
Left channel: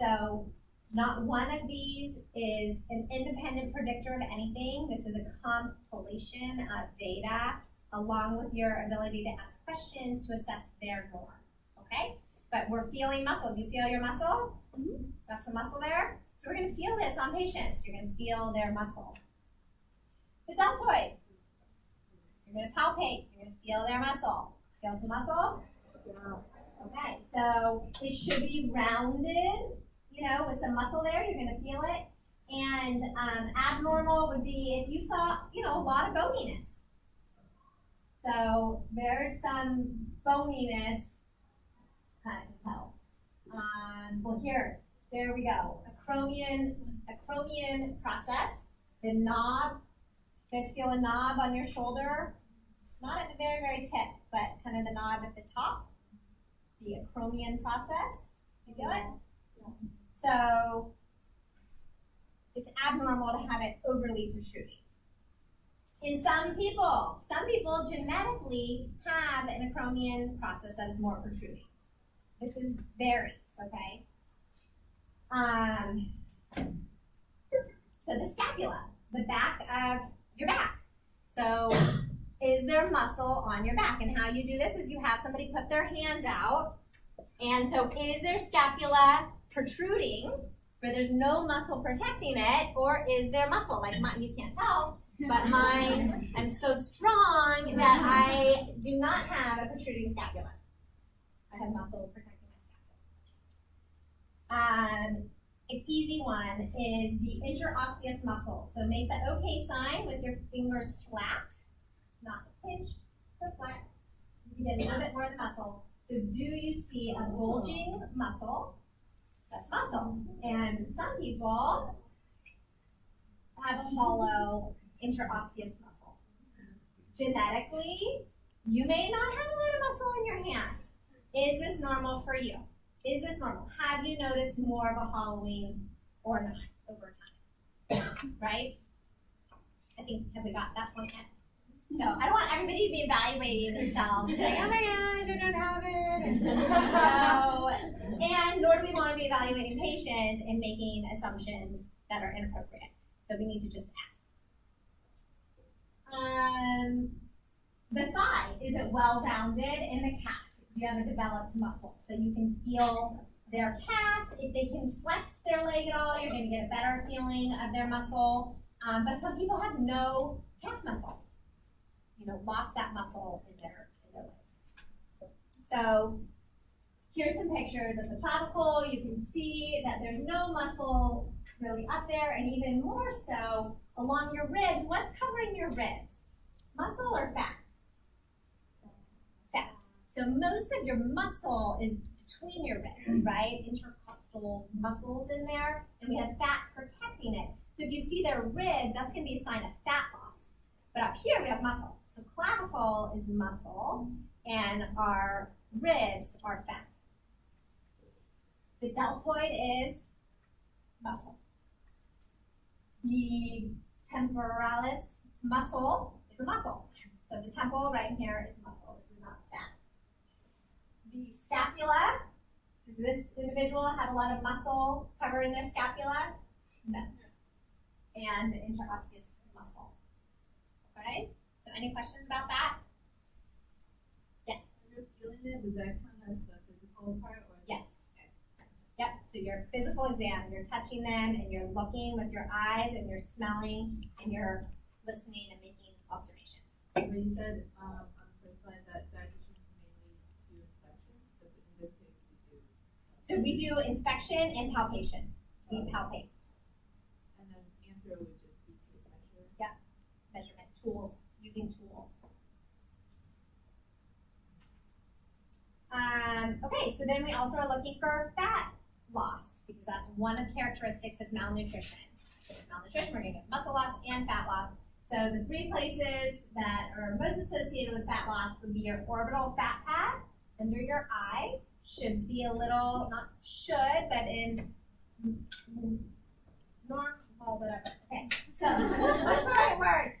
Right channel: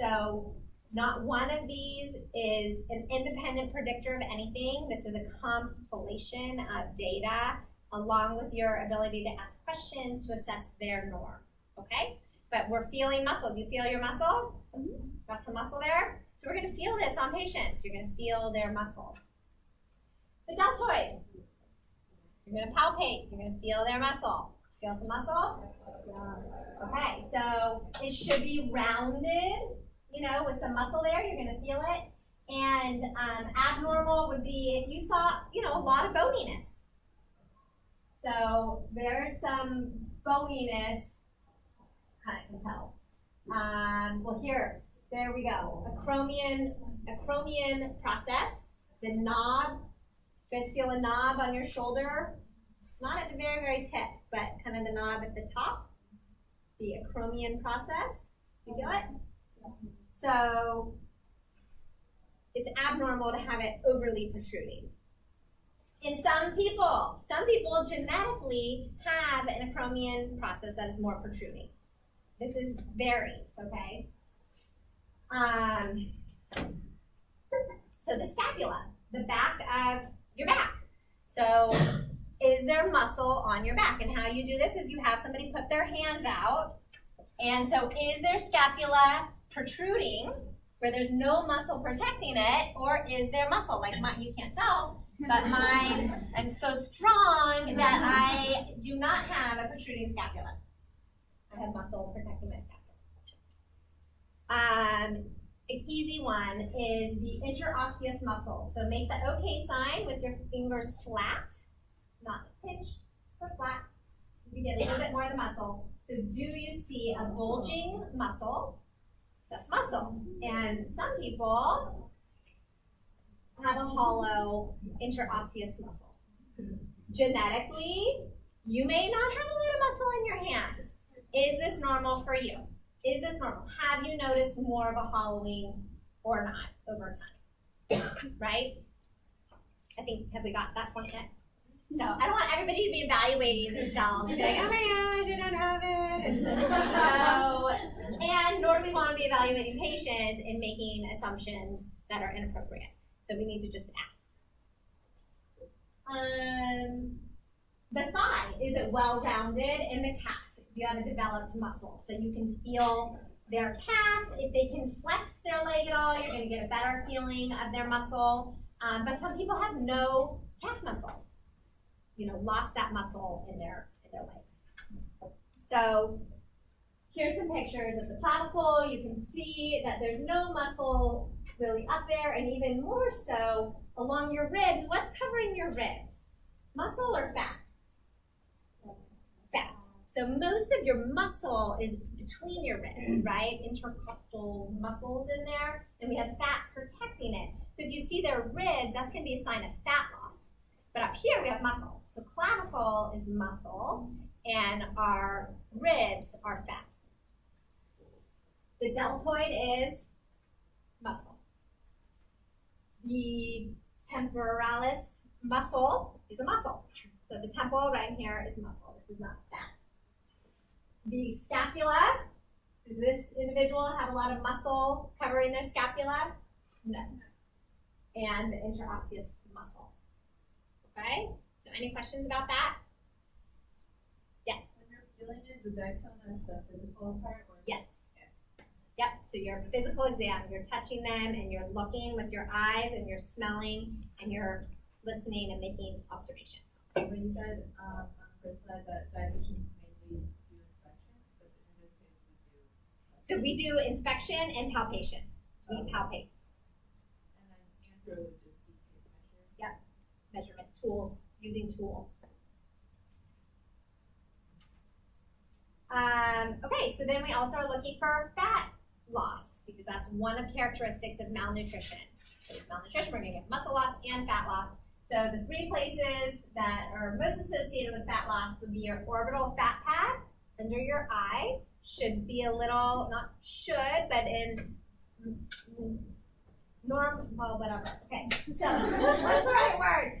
So not one of these is an independent predictor of anything. This is a compilation of data along with your ability to ask questions to assess their norm, okay? But we're feeling muscle. Do you feel your muscle? Got some muscle there? So we're gonna feel this on patients. You're gonna feel their muscle. The deltoid. You're gonna palpate. You're gonna feel their muscle. Feel some muscle? Yeah. Okay, so it should be rounded, with some muscle there. You're gonna feel it. And abnormal would be if you saw, a lot of boniness. So there's some boniness, kind of can tell. Well, there we go. Acromion process. The knob. You guys feel a knob on your shoulder? Not at the very, very tip, but kind of the knob at the top. The acromion process. Do you feel it? So it's abnormal to have it overly protruding. In some people genetically have an acromion process that is more protruding. This varies, okay? So the scapula, the back of your back. So is there muscle on your back? And how you do this is you have somebody put their hands out. And so is their scapula protruding where there's no muscle protecting it, or is there muscle? Like you can't tell, but mine, I'm so strong that I do not have a protruding scapula. I have muscle protecting my scapula. An easy one is the interosseous muscle. So make the OK sign with your fingers flat, not pinched, but flat. You get a little bit more of the muscle. So do you see a bulging muscle? That's muscle. And some people have a hollow interosseous muscle. Genetically, you may not have a lot of muscle in your hand. Is this normal for you? Is this normal? Have you noticed more of a hollowing or not over time? Right? Have we got that point yet? So I don't want everybody to be evaluating themselves and be like, oh my gosh, I don't have it. And nor do we want to be evaluating patients and making assumptions that are inappropriate. So we need to just ask. The thigh, is it well-rounded? In the calf, do you have a developed muscle? So you can feel their calf. If they can flex their leg at all, you're going to get a better feeling of their muscle. But some people have no calf muscle. Lost that muscle in their legs. So here's some pictures of the clavicle. You can see that there's no muscle really up there, and even more so along your ribs. What's covering your ribs? Muscle or fat? Fat. So most of your muscle is between your ribs, right? Intercostal muscles in there, and we have fat protecting it. So if you see their ribs, that's going to be a sign of fat loss. But up here we have muscle. So clavicle is muscle, and our ribs are fat. The deltoid is muscle. The temporalis muscle is a muscle. So the temporal right here is muscle. This is not fat. The scapula, does this individual have a lot of muscle covering their scapula? No. And the interosseous muscle. Okay? So any questions about that? Yes? When you're feeling it, does that count as the physical part? Or Yes. Yep, so your physical exam, you're touching them and you're looking with your eyes and you're smelling and you're listening and making observations. when you said on the first slide that dietitians mainly do inspection, but in this case we do. So we do inspection and palpation. We palpate. And then anthro would just be to measure. Yep, measurement tools, using tools. Okay, so then we also are looking for fat loss because that's one of the characteristics of malnutrition. So with malnutrition, we're going to get muscle loss and fat loss. So the three places that are most associated with fat loss would be your orbital fat pad, under your eye should be a little, not should, but in well, whatever. Okay, so what's the right word?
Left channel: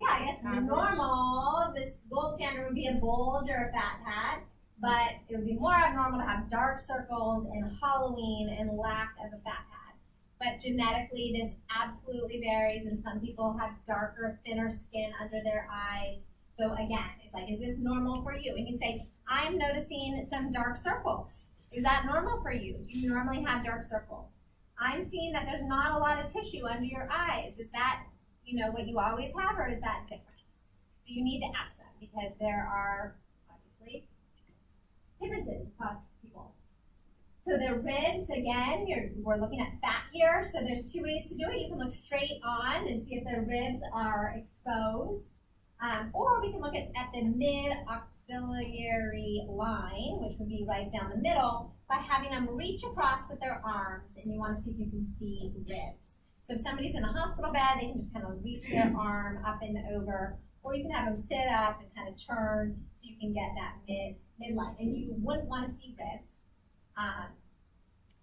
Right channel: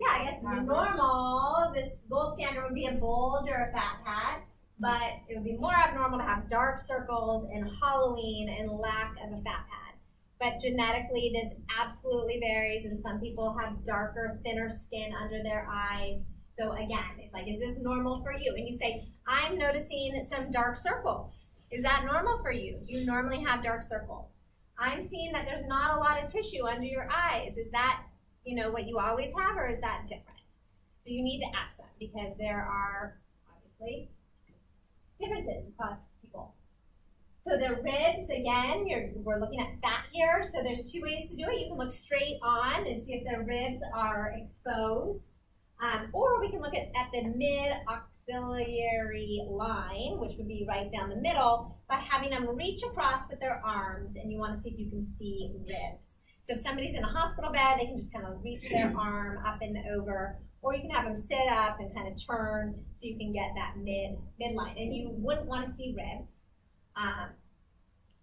Yeah, I guess normal, this gold standard would be a bulge or a fat pad, but it would be more abnormal to have dark circles and hollowing and lack of a fat pad. But genetically, this absolutely varies, and some people have darker, thinner skin under their eyes. So again, it's like, is this normal for you? And you say, I'm noticing some dark circles. Is that normal for you? Do you normally have dark circles? I'm seeing that there's not a lot of tissue under your eyes. Is that, what you always have, or is that different? So you need to ask them, because there are obviously differences across people. So the ribs, again, we're looking at fat here. So there's two ways to do it. You can look straight on and see if the ribs are exposed. Or we can look at the mid-axillary line, which would be right down the middle, by having them reach across with their arms, and you want to see if you can see ribs. So if somebody's in a hospital bed, they can just kind of reach their arm up and over, or you can have them sit up and kind of turn so you can get that midline. And you wouldn't want to see ribs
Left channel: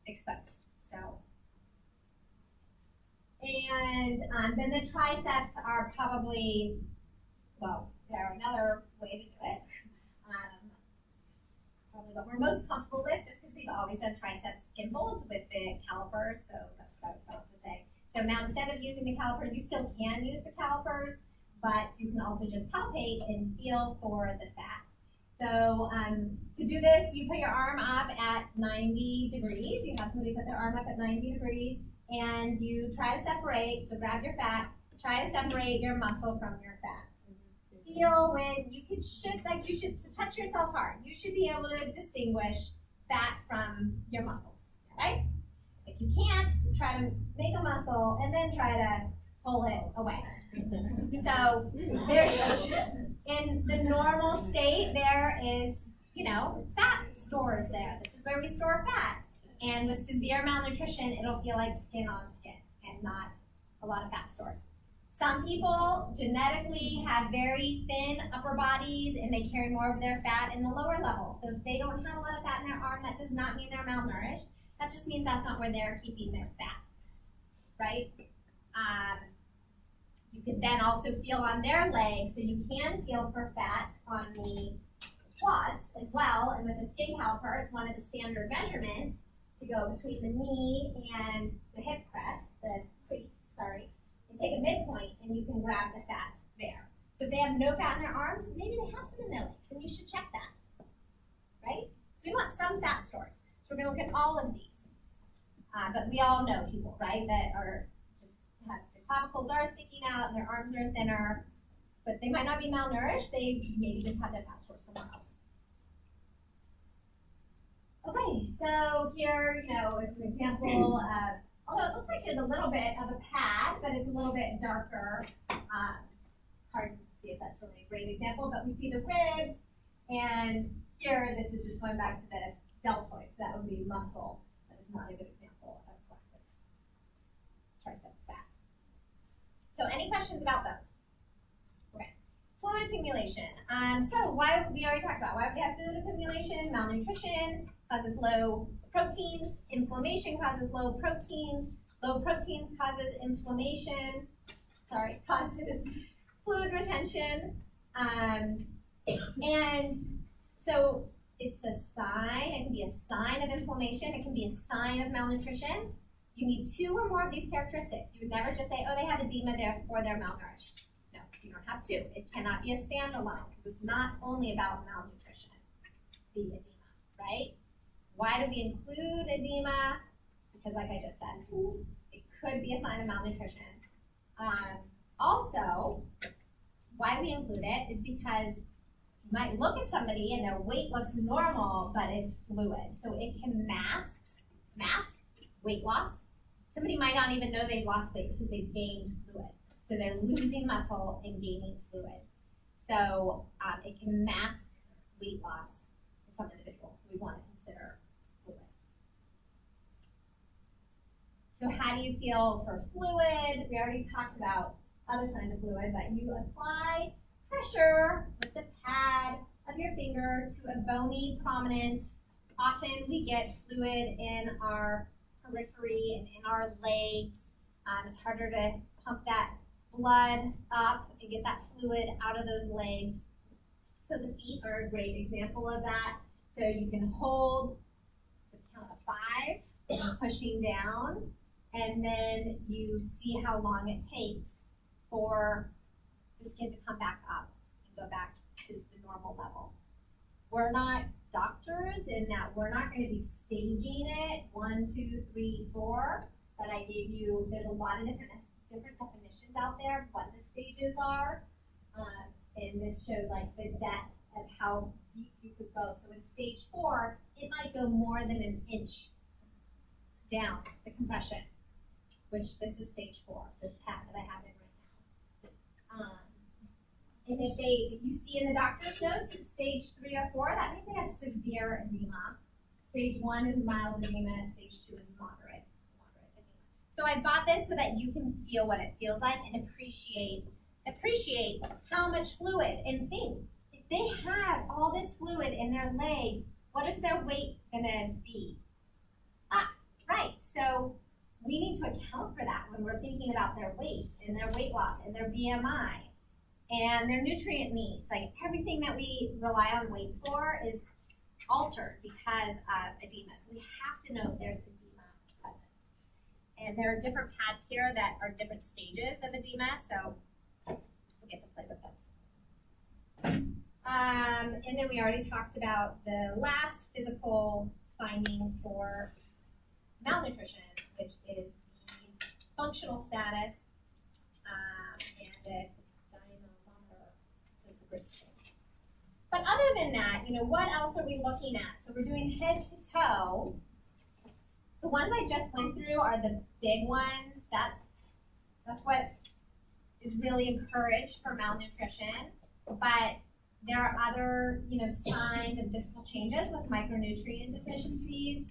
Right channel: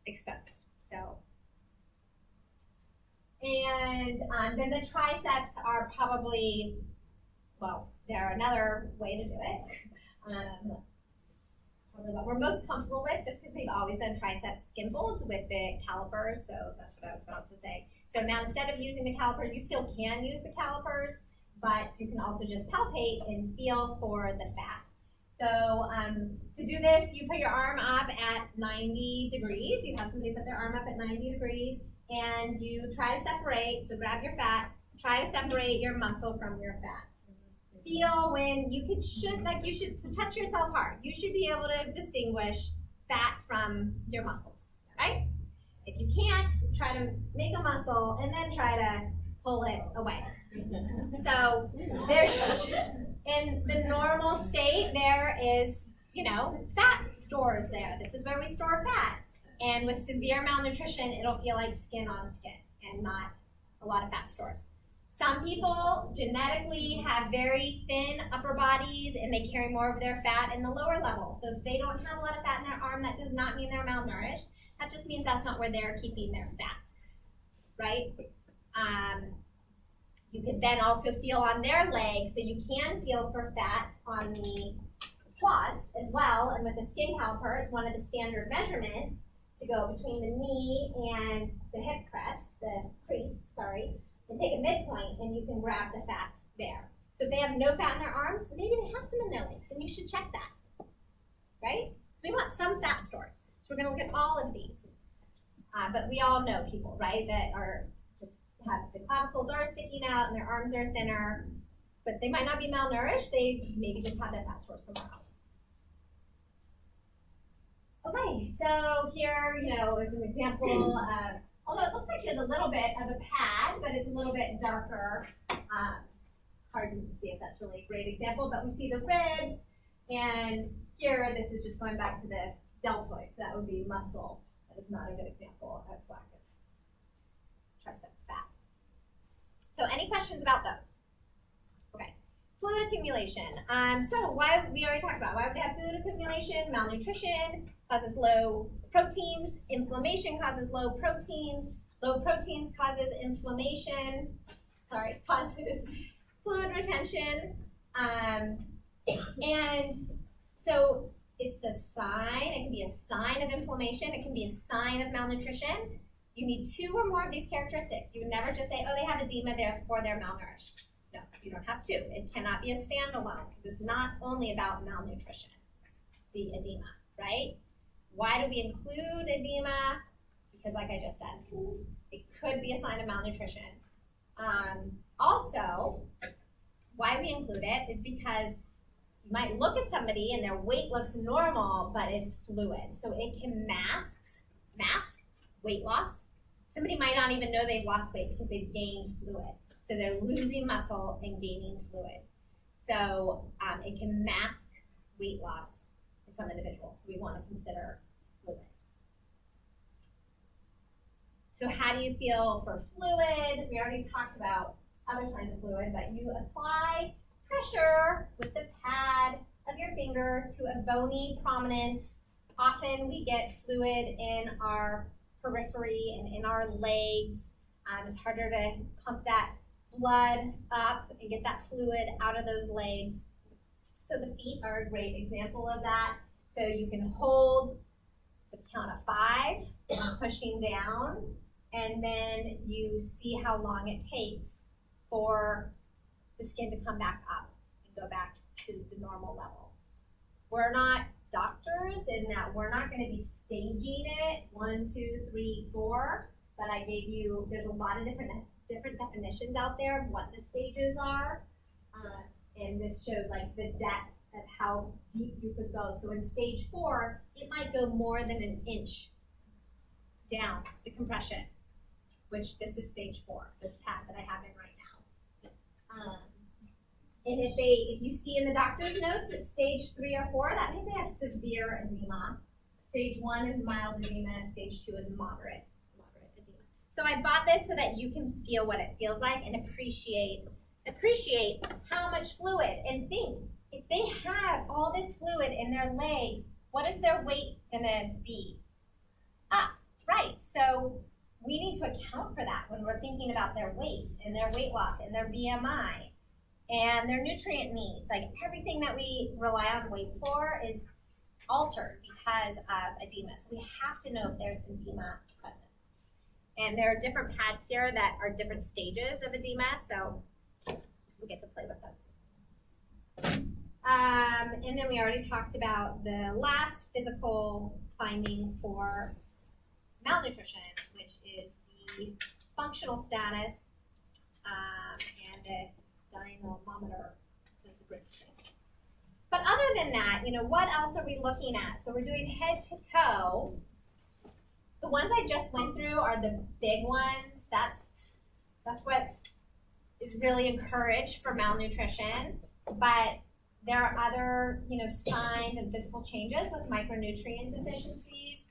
exposed. So, and then the triceps are probably, well, they're another way to do it. Probably what we're most comfortable with, just because we've always done tricep skin folds with the calipers, so that's what I was about to say. So now instead of using the calipers, you still can use the calipers, but you can also just palpate and feel for the fat. So to do this, you put your arm up at 90 degrees. You have somebody put their arm up at 90 degrees, and you try to separate, so grab your fat, try to separate your muscle from your fat. Feel when you should so touch yourself hard. You should be able to distinguish fat from your muscles, right? If you can't, try to make a muscle and then try to pull it away. So there's, in the normal state, there is, fat stores there. This is where we store fat. And with severe malnutrition, it'll feel like skin on skin and not a lot of fat stores. Some people genetically have very thin upper bodies and they carry more of their fat in the lower level. So if they don't have a lot of fat in their arm, that does not mean they're malnourished. That just means that's not where they're keeping their fat, right? You could then also feel on their legs, so you can feel for fat on the quads as well. And with the skin caliper, it's one of the standard measurements to go between the knee and the hip crease, and take a midpoint, and you can grab the fat there. So if they have no fat in their arms, maybe they have some in their legs, and you should check that, right? So we want some fat stores. So we're going to look at all of these. But we all know people, right, that are just have the clavicles are sticking out and their arms are thinner, but they might not be malnourished. They maybe just have that fat store somewhere else. Okay, so here, is an example of, although it looks like she has a little bit of a pad, but it's a little bit darker. Hard to see if that's really a great example, but we see the ribs, and here, this is just going back to the deltoid, so that would be muscle, but it's not a good example of lack of tricep fat. So any questions about those? Okay, fluid accumulation. So why, we already talked about, why would they have fluid accumulation? Malnutrition causes low proteins, inflammation causes low proteins causes inflammation, causes fluid retention, and so it's a sign, it can be a sign of inflammation, it can be a sign of malnutrition. You need two or more of these characteristics. You would never just say, oh, they have edema, therefore they're malnourished. No, you don't have two. It cannot be a standalone, because it's not only about malnutrition, the edema, right? Why do we include edema? Because like I just said, it could be a sign of malnutrition. Also, why we include it is because you might look at somebody and their weight looks normal, but it's fluid. So it can mask weight loss. Somebody might not even know they've lost weight because they've gained fluid. So they're losing muscle and gaining fluid. So it can mask weight loss in some individuals. So we want to consider fluid. So how do you feel for fluid? We already talked about other signs of fluid, but you apply pressure with the pad of your finger to a bony prominence. Often we get fluid in our periphery and in our legs. It's harder to pump that blood up and get that fluid out of those legs. So the feet are a great example of that. So you can hold the count of 5, pushing down, and then you see how long it takes for the skin to come back up and go back to the normal level. We're not doctors in that we're not going to be staging it 1, 2, 3, 4. But I gave you, there's a lot of different definitions out there of what the stages are. And this shows like the depth of how deep you could go. So in stage 4, it might go more than an inch down the compression, which this is stage 4, the path that I have in right now. And if you see in the doctor's notes, it's stage 3 or 4, that means they have severe edema. Stage 1 is mild edema, stage 2 is moderate edema. So I bought this so that you can feel what it feels like and appreciate how much fluid. And think, if they have all this fluid in their legs, what is their weight gonna be? Right, so we need to account for that when we're thinking about their weight and their weight loss and their BMI and their nutrient needs. Like everything that we rely on weight for is altered because of edema. So we have to know if there's edema present. And there are different pads here that are different stages of edema, so we get to play with those. And then we already talked about the last physical finding for malnutrition, which is the functional status and the dynamometer, which is the British thing. But other than that, what else are we looking at? So we're doing head to toe. The ones I just went through are the big ones. That's what is really encouraged for malnutrition. But there are other, signs and physical changes with micronutrient deficiencies.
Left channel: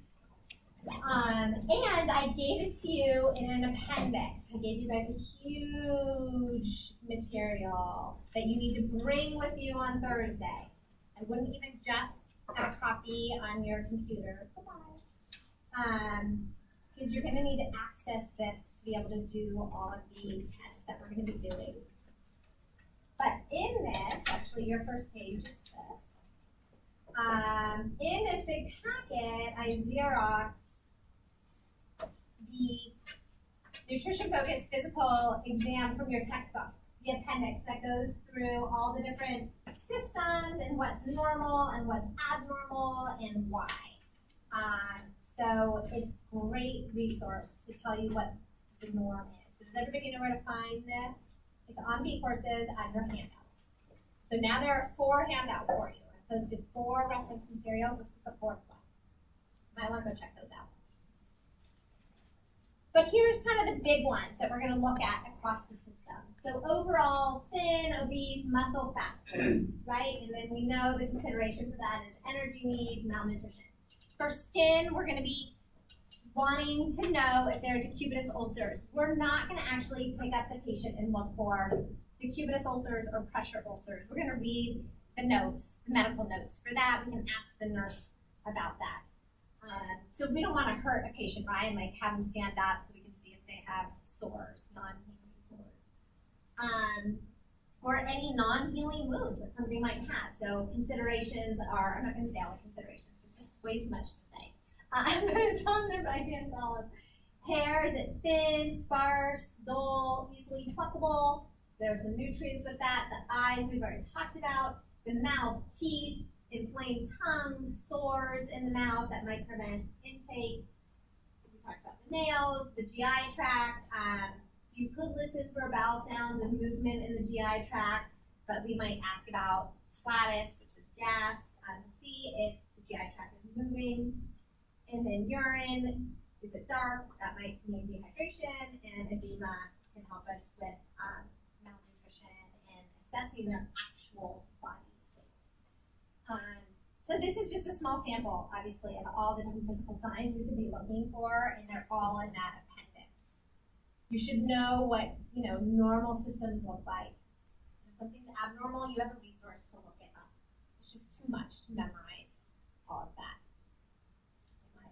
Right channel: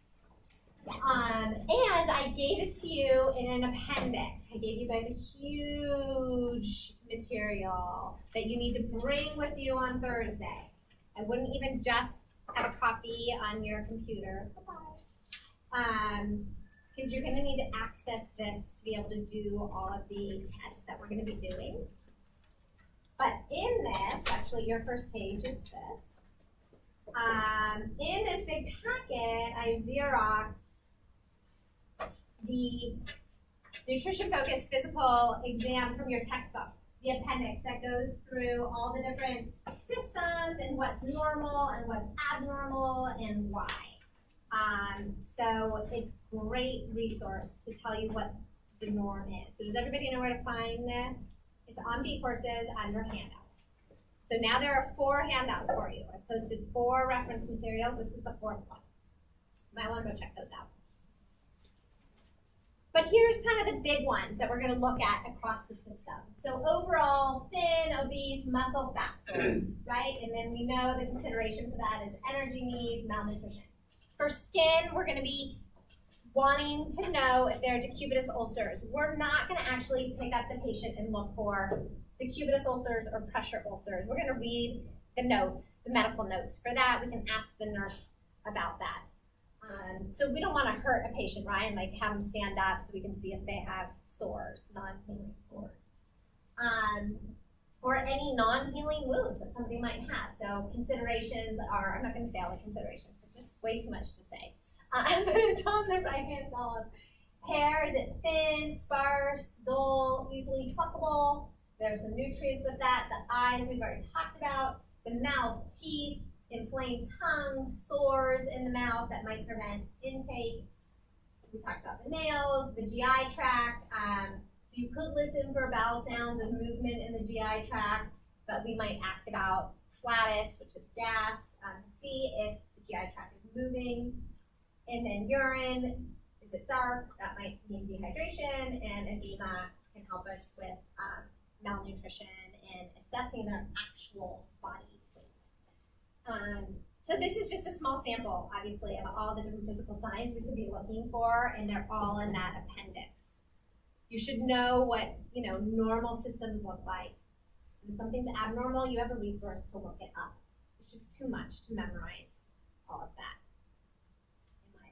And I gave it to you in an appendix. I gave you guys a huge material that you need to bring with you on Thursday. I wouldn't even just have a copy on your computer. Because you're going to need to access this to be able to do all of the tests that we're going to be doing. But in this, actually your first page is this. In this big packet, I Xeroxed the Nutrition Focused Physical Exam from your textbook, the appendix that goes through all the different systems and what's normal and what's abnormal and why. So it's a great resource to tell you what the norm is. So does everybody know where to find this? It's on B Courses under handouts. So now there are 4 handouts for you. I posted 4 reference materials. This is the 4th one. You might want to go check those out. But here's kind of the big ones that we're going to look at across the system. So overall, thin, obese, muscle, fat stores, right? And then we know the consideration for that is energy needs, malnutrition. For skin, we're going to be wanting to know if there are decubitus ulcers. We're not going to actually pick up the patient and look for decubitus ulcers or pressure ulcers. We're going to read the notes, the medical notes. For that, we can ask the nurse about that. So we don't want to hurt a patient, right? And like have them stand up so we can see if they have sores, non-healing sores. Or any non-healing wounds that somebody might have. So considerations are, I'm not going to say all the considerations, it's just way too much to say. But it's on the right-hand column. Hair, is it thin, sparse, dull, easily pluckable? There's some nutrients with that. The eyes, we've already talked about. The mouth, teeth, inflamed tongue, sores in the mouth that might prevent intake. We talked about the nails, the GI tract. So you could listen for bowel sounds and movement in the GI tract, but we might ask about flatus, which is gas, to see if the GI tract is moving. And then urine, is it dark? That might mean dehydration, and edema can help us with malnutrition and assessing their actual body weight. So this is just a small sample, obviously, of all the different physical signs we could be looking for, and they're all in that appendix. You should know what normal systems look like. If something's abnormal, you have a resource to look it up. It's just too much to memorize all of that, in my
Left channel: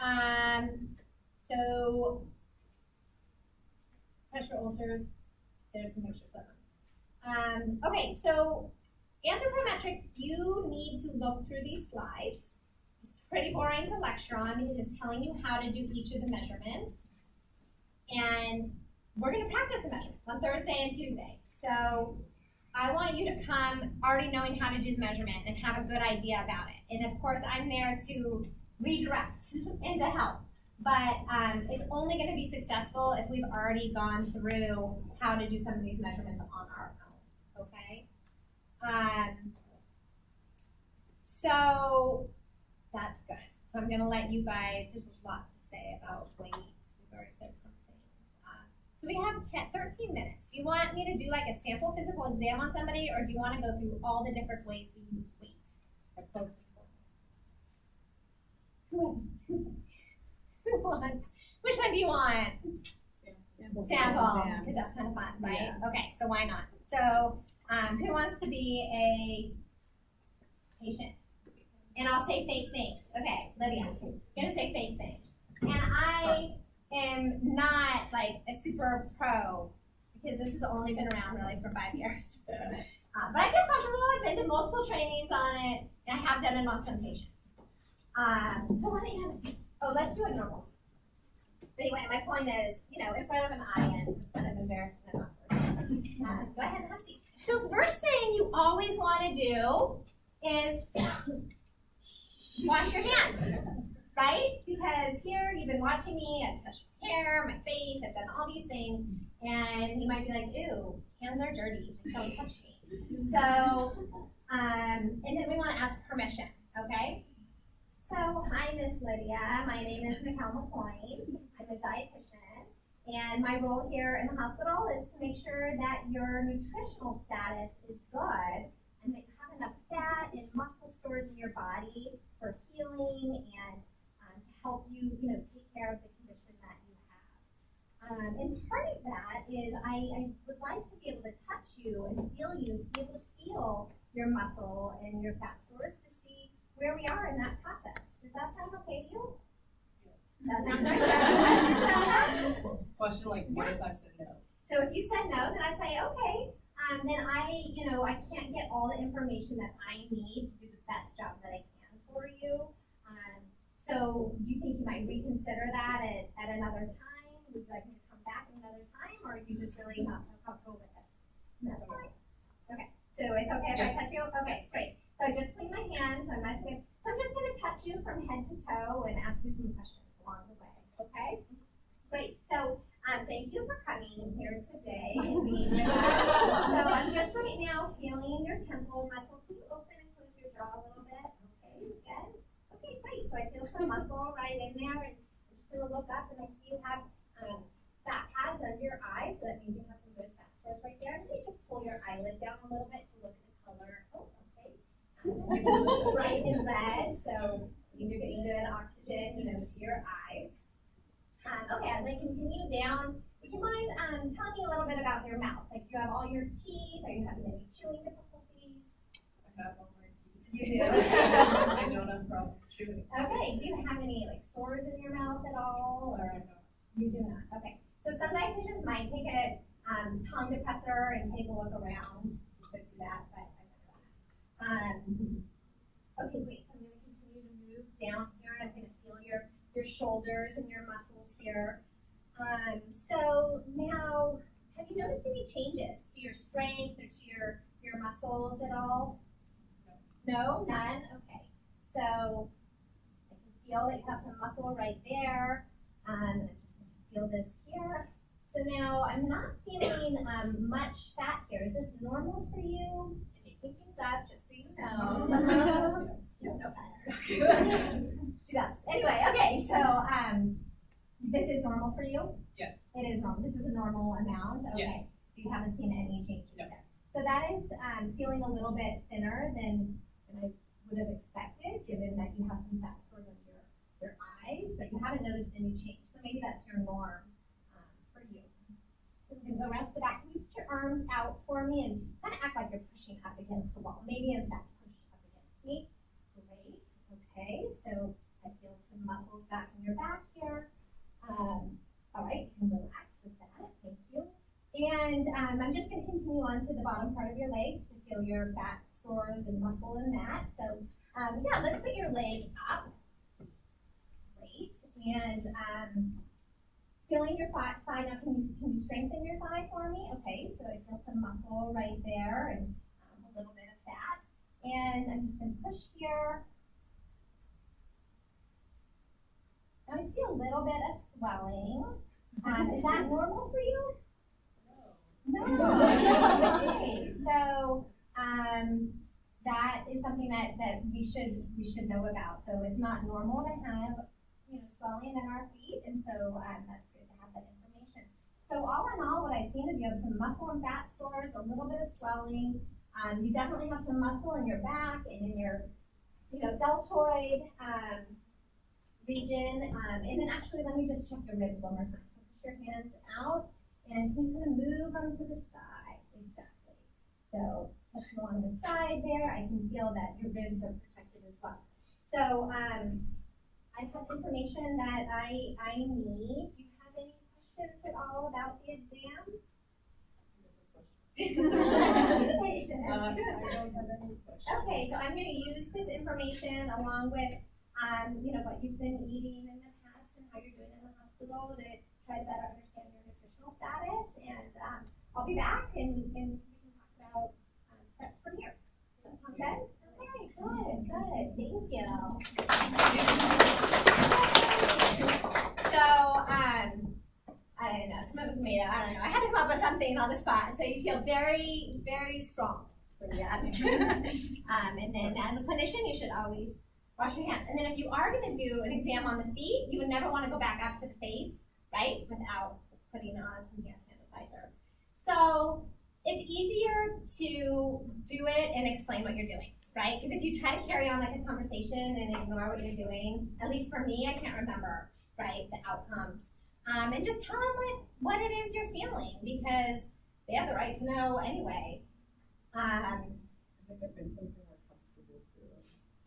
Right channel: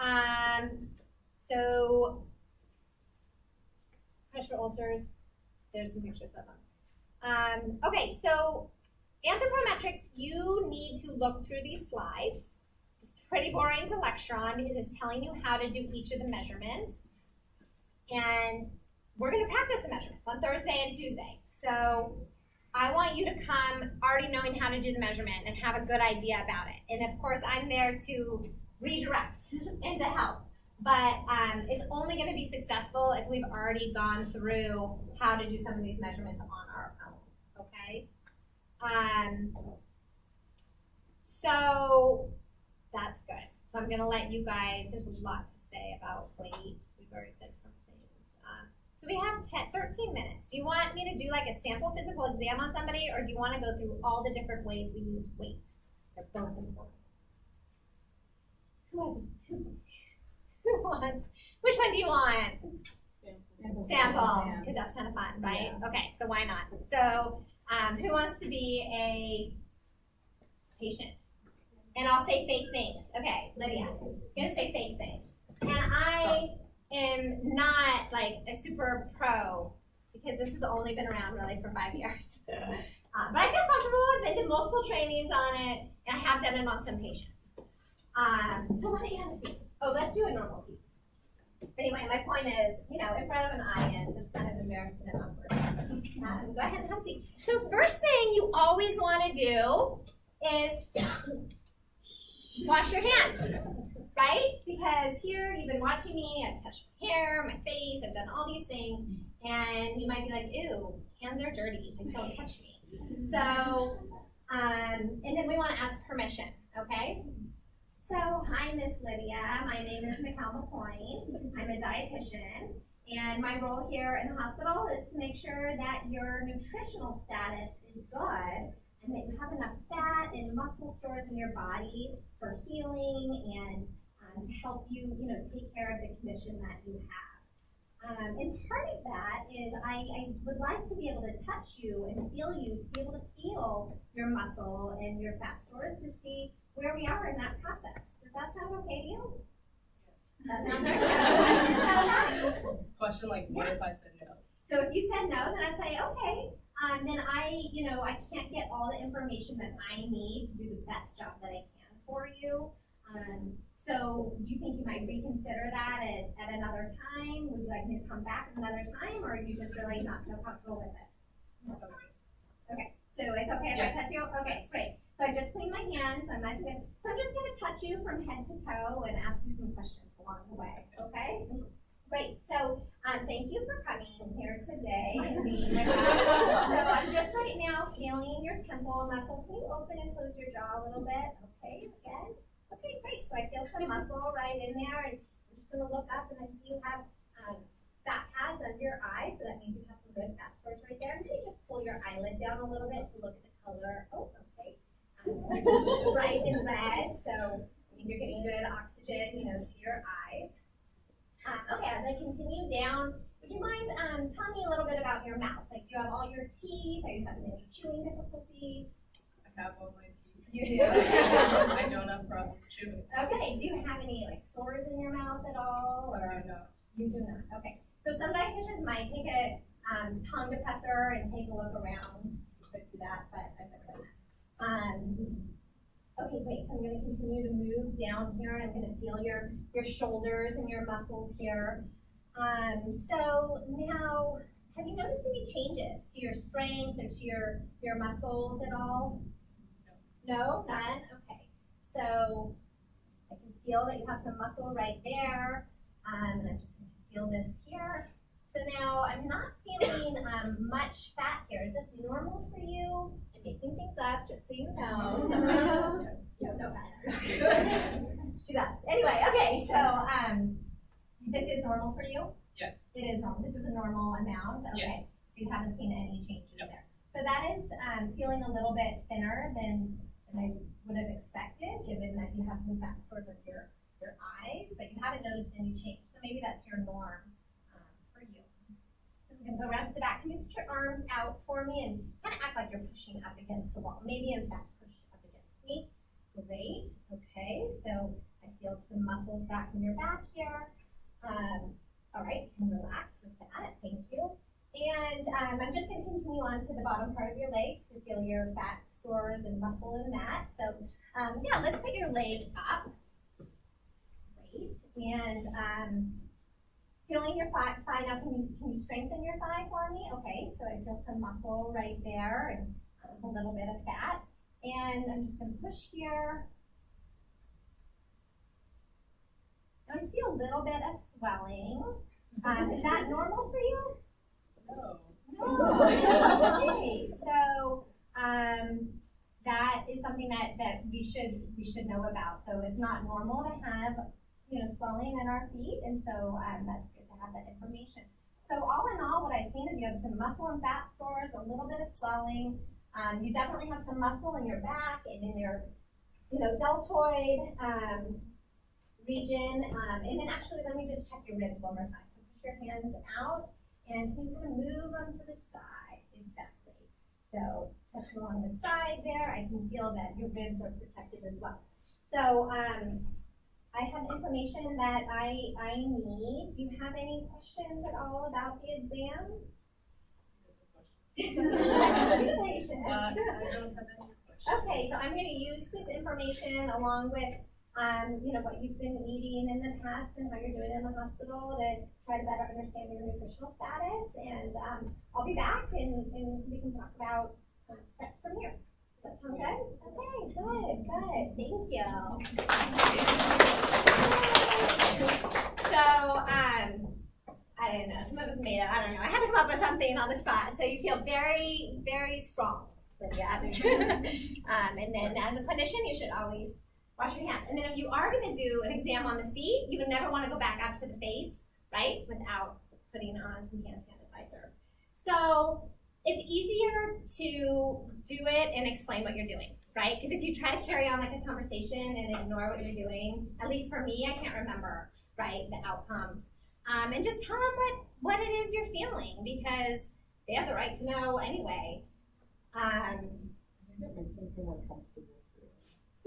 opinion. So pressure ulcers, there's some pictures of them. Okay, so anthropometrics, you need to look through these slides. It's pretty boring to lecture on because it's telling you how to do each of the measurements. And we're gonna practice the measurements on Thursday and Tuesday. So I want you to come already knowing how to do the measurement and have a good idea about it. And of course, I'm there to redirect and to help. But it's only going to be successful if we've already gone through how to do some of these measurements on our own, okay? So that's good. So I'm going to let you guys, there's a lot to say about weight. We've already said some things. So we have 13 minutes. Do you want me to do like a sample physical exam on somebody, or do you want to go through all the different ways we use weight? They're both important. Who wants? Which one do you want? Sample, because that's kind of fun, right? Yeah. Okay, so why not? So who wants to be a patient? And I'll say fake things. Okay, Lydia, I'm gonna say fake things. And I am not like a super pro because this has only been around really for 5 years. But I feel comfortable. I've been to multiple trainings on it, and I have done it on some patients. So why don't you have a seat? Oh, let's do a normal seat. Anyway, my point is, you know, in front of an audience, it's kind of embarrassing and awkward. Go ahead and have a seat. So first thing you always want to do is wash your hands, right? Because here you've been watching me, I've touched my hair, my face, I've done all these things, and you might be like, ew, hands are dirty, like don't touch me. So, and then we want to ask permission, okay? So, hi, Miss Lydia. My name is Mikkel McCoyne. I'm a dietitian, and my role here in the hospital is to make sure that your nutritional status is good and that you have enough fat and muscle stores in your body for healing and to help you, you know, take care of the condition that you have. And part of that is I would like to be able to touch you and feel you, to be able to feel your muscle and your fat stores to see where we are in that process. Does that sound okay to you? Yes. That sounds good. Questions about that? Question like, what if I said no? So if you said no, then I'd say, okay, then I can't get all the information that I need to do the best job that I can for you. So do you think you might reconsider that at another time? Would you like me to come back another time, or are you just really not feel comfortable with this? That's fine. Okay, so it's okay if I touch you? Okay, great. So I just cleaned my hands, so I'm nice and good. So I'm just going to touch you from head to toe and ask you some questions along the way, okay? Great, so thank you for coming here today and being with us. So I'm just right now feeling your temple muscle. Can you open and close your jaw a little bit? Okay, good. Okay, great. So I feel some muscle right in there, and I'm just going to look up and I see you have fat pads under your eyes, so that means you have some good fat stores right there. And then you just pull your eyelid down a little bit to look at the color. Oh, okay. Right in red, so I mean you're getting good oxygen, you know, to your eyes. Okay, as I continue down, would you mind telling me a little bit about your mouth? Like, do you have all your teeth? Are you having any chewing difficulties? I have all my teeth. You do? I don't have problems chewing. Okay, do you have any like sores in your mouth at all? Or No. You do not. Okay. So some dietitians might take a tongue depressor and take a look around. You could do that, but I've never done that. Okay, great. So I'm going to continue to move down here, and I'm going to feel your shoulders and your muscles here. So now, have you noticed any changes to your strength or to your muscles at all? No, none. Okay. So I can feel that you have some muscle right there. And I'm just going to feel this here. So now I'm not feeling much fat here. Is this normal for you? I'm making things up, just so you know. No fat. She does. Anyway, okay. So this is normal for you? Yes. It is normal. This is a normal amount. Okay. Yes. So you haven't seen any changes there. So that is feeling a little bit thinner than I would have expected, given that you have some fat stores on your eyes, but you haven't noticed any change. So maybe that's your norm for you. So we're going to go around to the back. can you put your arms out for me and kind of act like you're pushing up against the wall? Maybe in fact push up against me. Great. Okay, so I feel some muscles back in your back here. All right, you can relax with that. Thank you. And I'm just going to continue on to the bottom part of your legs to feel your fat stores and muscle in that. So yeah, let's put your leg up. Great. And feeling your thigh now, can you strengthen your thigh for me? Okay, so I feel some muscle right there and a little bit of fat. And I'm just going to push here. Now I see a little bit of swelling. Is that normal for you? No. Okay, so that is something that we should know about. So it's not normal to have swelling in our feet, and so that's good to have that information. So all in all, what I've seen is you have some muscle and fat stores, a little bit of swelling. You definitely have some muscle in your back and in your deltoid region. And then actually, let me just check your ribs one more time. So push your hands out. And can you kind of move them to the side? Exactly. So touch along the side there. I can feel that your ribs are protected as well. So I have information that I need. Do you have any questions at all about the exam? I don't have any questions. Okay, so I'm going to use this information along with what you've been eating in the past and how you're doing in the hospital to try to better understand your nutritional status. And I'll be back and we can talk about steps from here. Does that sound good? Okay, good. Thank you. So, I don't know, some of it was made up, I don't know. I had to come up with something on the spot. So you feel very, very strong, Lydia. And then as a clinician, you should always wash your hands. And then if you are going to do an exam on the feet, you would never want to go back up to the face, right, without putting on some hand sanitizer. So it's easier to do it and explain what you're doing, right? Because if you try to carry on like a conversation and ignore what you're doing, at least for me, I can't remember, right, the outcomes. And just tell them what it is you're feeling, because they have the right to know anyway. I think it makes them feel more comfortable too.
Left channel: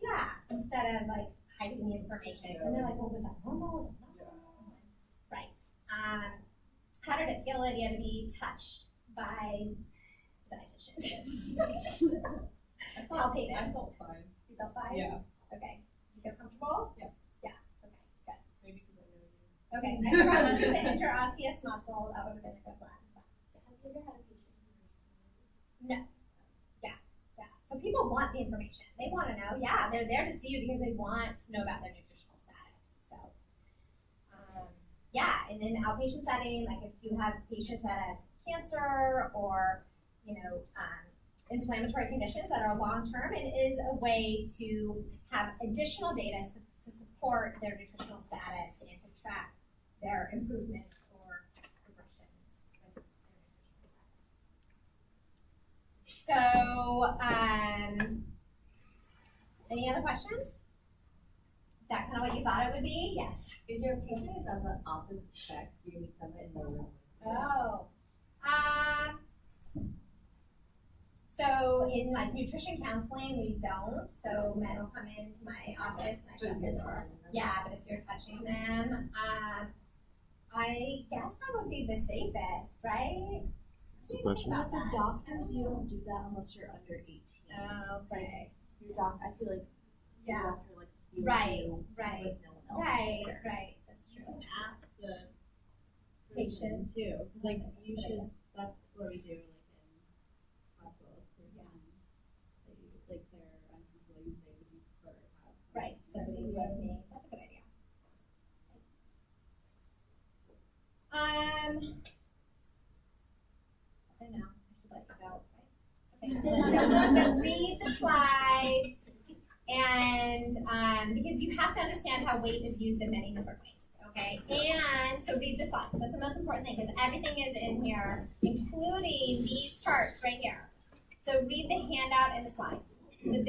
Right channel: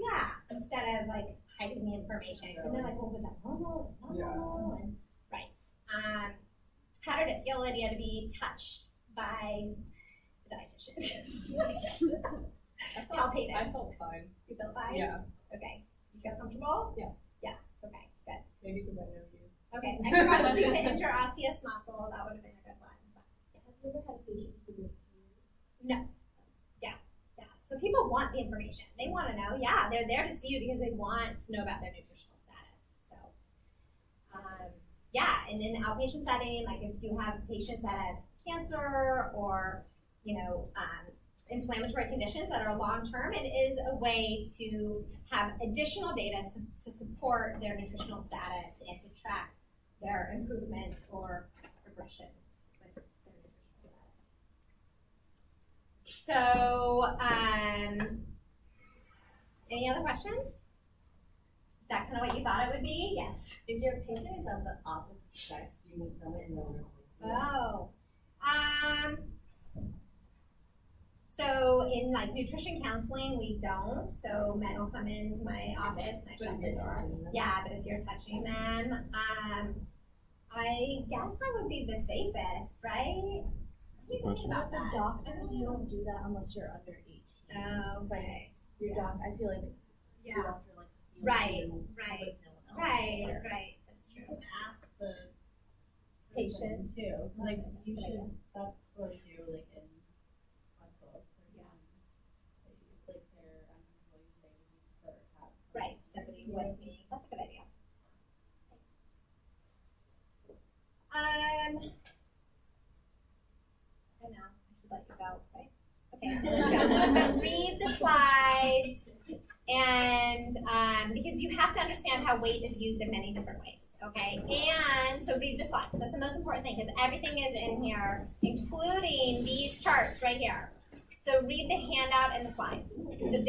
Yeah, instead of like hiding the information. So they're like, well, was that normal? Was that not normal? And, right. How did it feel, Lydia, to be touched by a dietitian? Palpated. I felt fine. You felt fine? Yeah. Okay. Did you feel comfortable? Yeah. Yeah. Okay, good. Maybe because I know you. Okay, I forgot to do the interosseous muscle. That would have been a good one. Have you ever had a patient who was No. Yeah. So people want the information. They want to know. Yeah, they're there to see you because they want to know about their nutritional status. So, yeah, and in the outpatient setting, like if you have patients that have cancer or, inflammatory conditions that are long-term, it is a way to have additional data to support their nutritional status and to track their improvement or progression with their nutritional status. So, any other questions? Is that kind of what you thought it would be? Yes. If your patient is of the opposite sex, do you need someone in the room? Oh. So in like nutrition counseling, we don't. So men will come into my office and I shut the door. Yeah, but if you're touching them, I guess that would be the safest, right? That's a question. About With the that. doctors, you don't do that unless you're under 18. Oh, okay. Your doc, I feel like your Yeah. doctor like feels Right, you right, with no one else there. right. That's You true. can ask the Patient. patient too. Like That's you a good should. idea. That's what we do. Like in hospitals, like they're uncomfortable. You say, "Would you prefer to have?" Right. Somebody with me. That's a good idea. I don't know. I should let you go, right? Okay. I'm gonna read the slides, and because you have to understand how weight is used in many different ways. Okay, and so read the slides. That's the most important thing because everything is in here, including these charts right here. So read the handout and the slides. So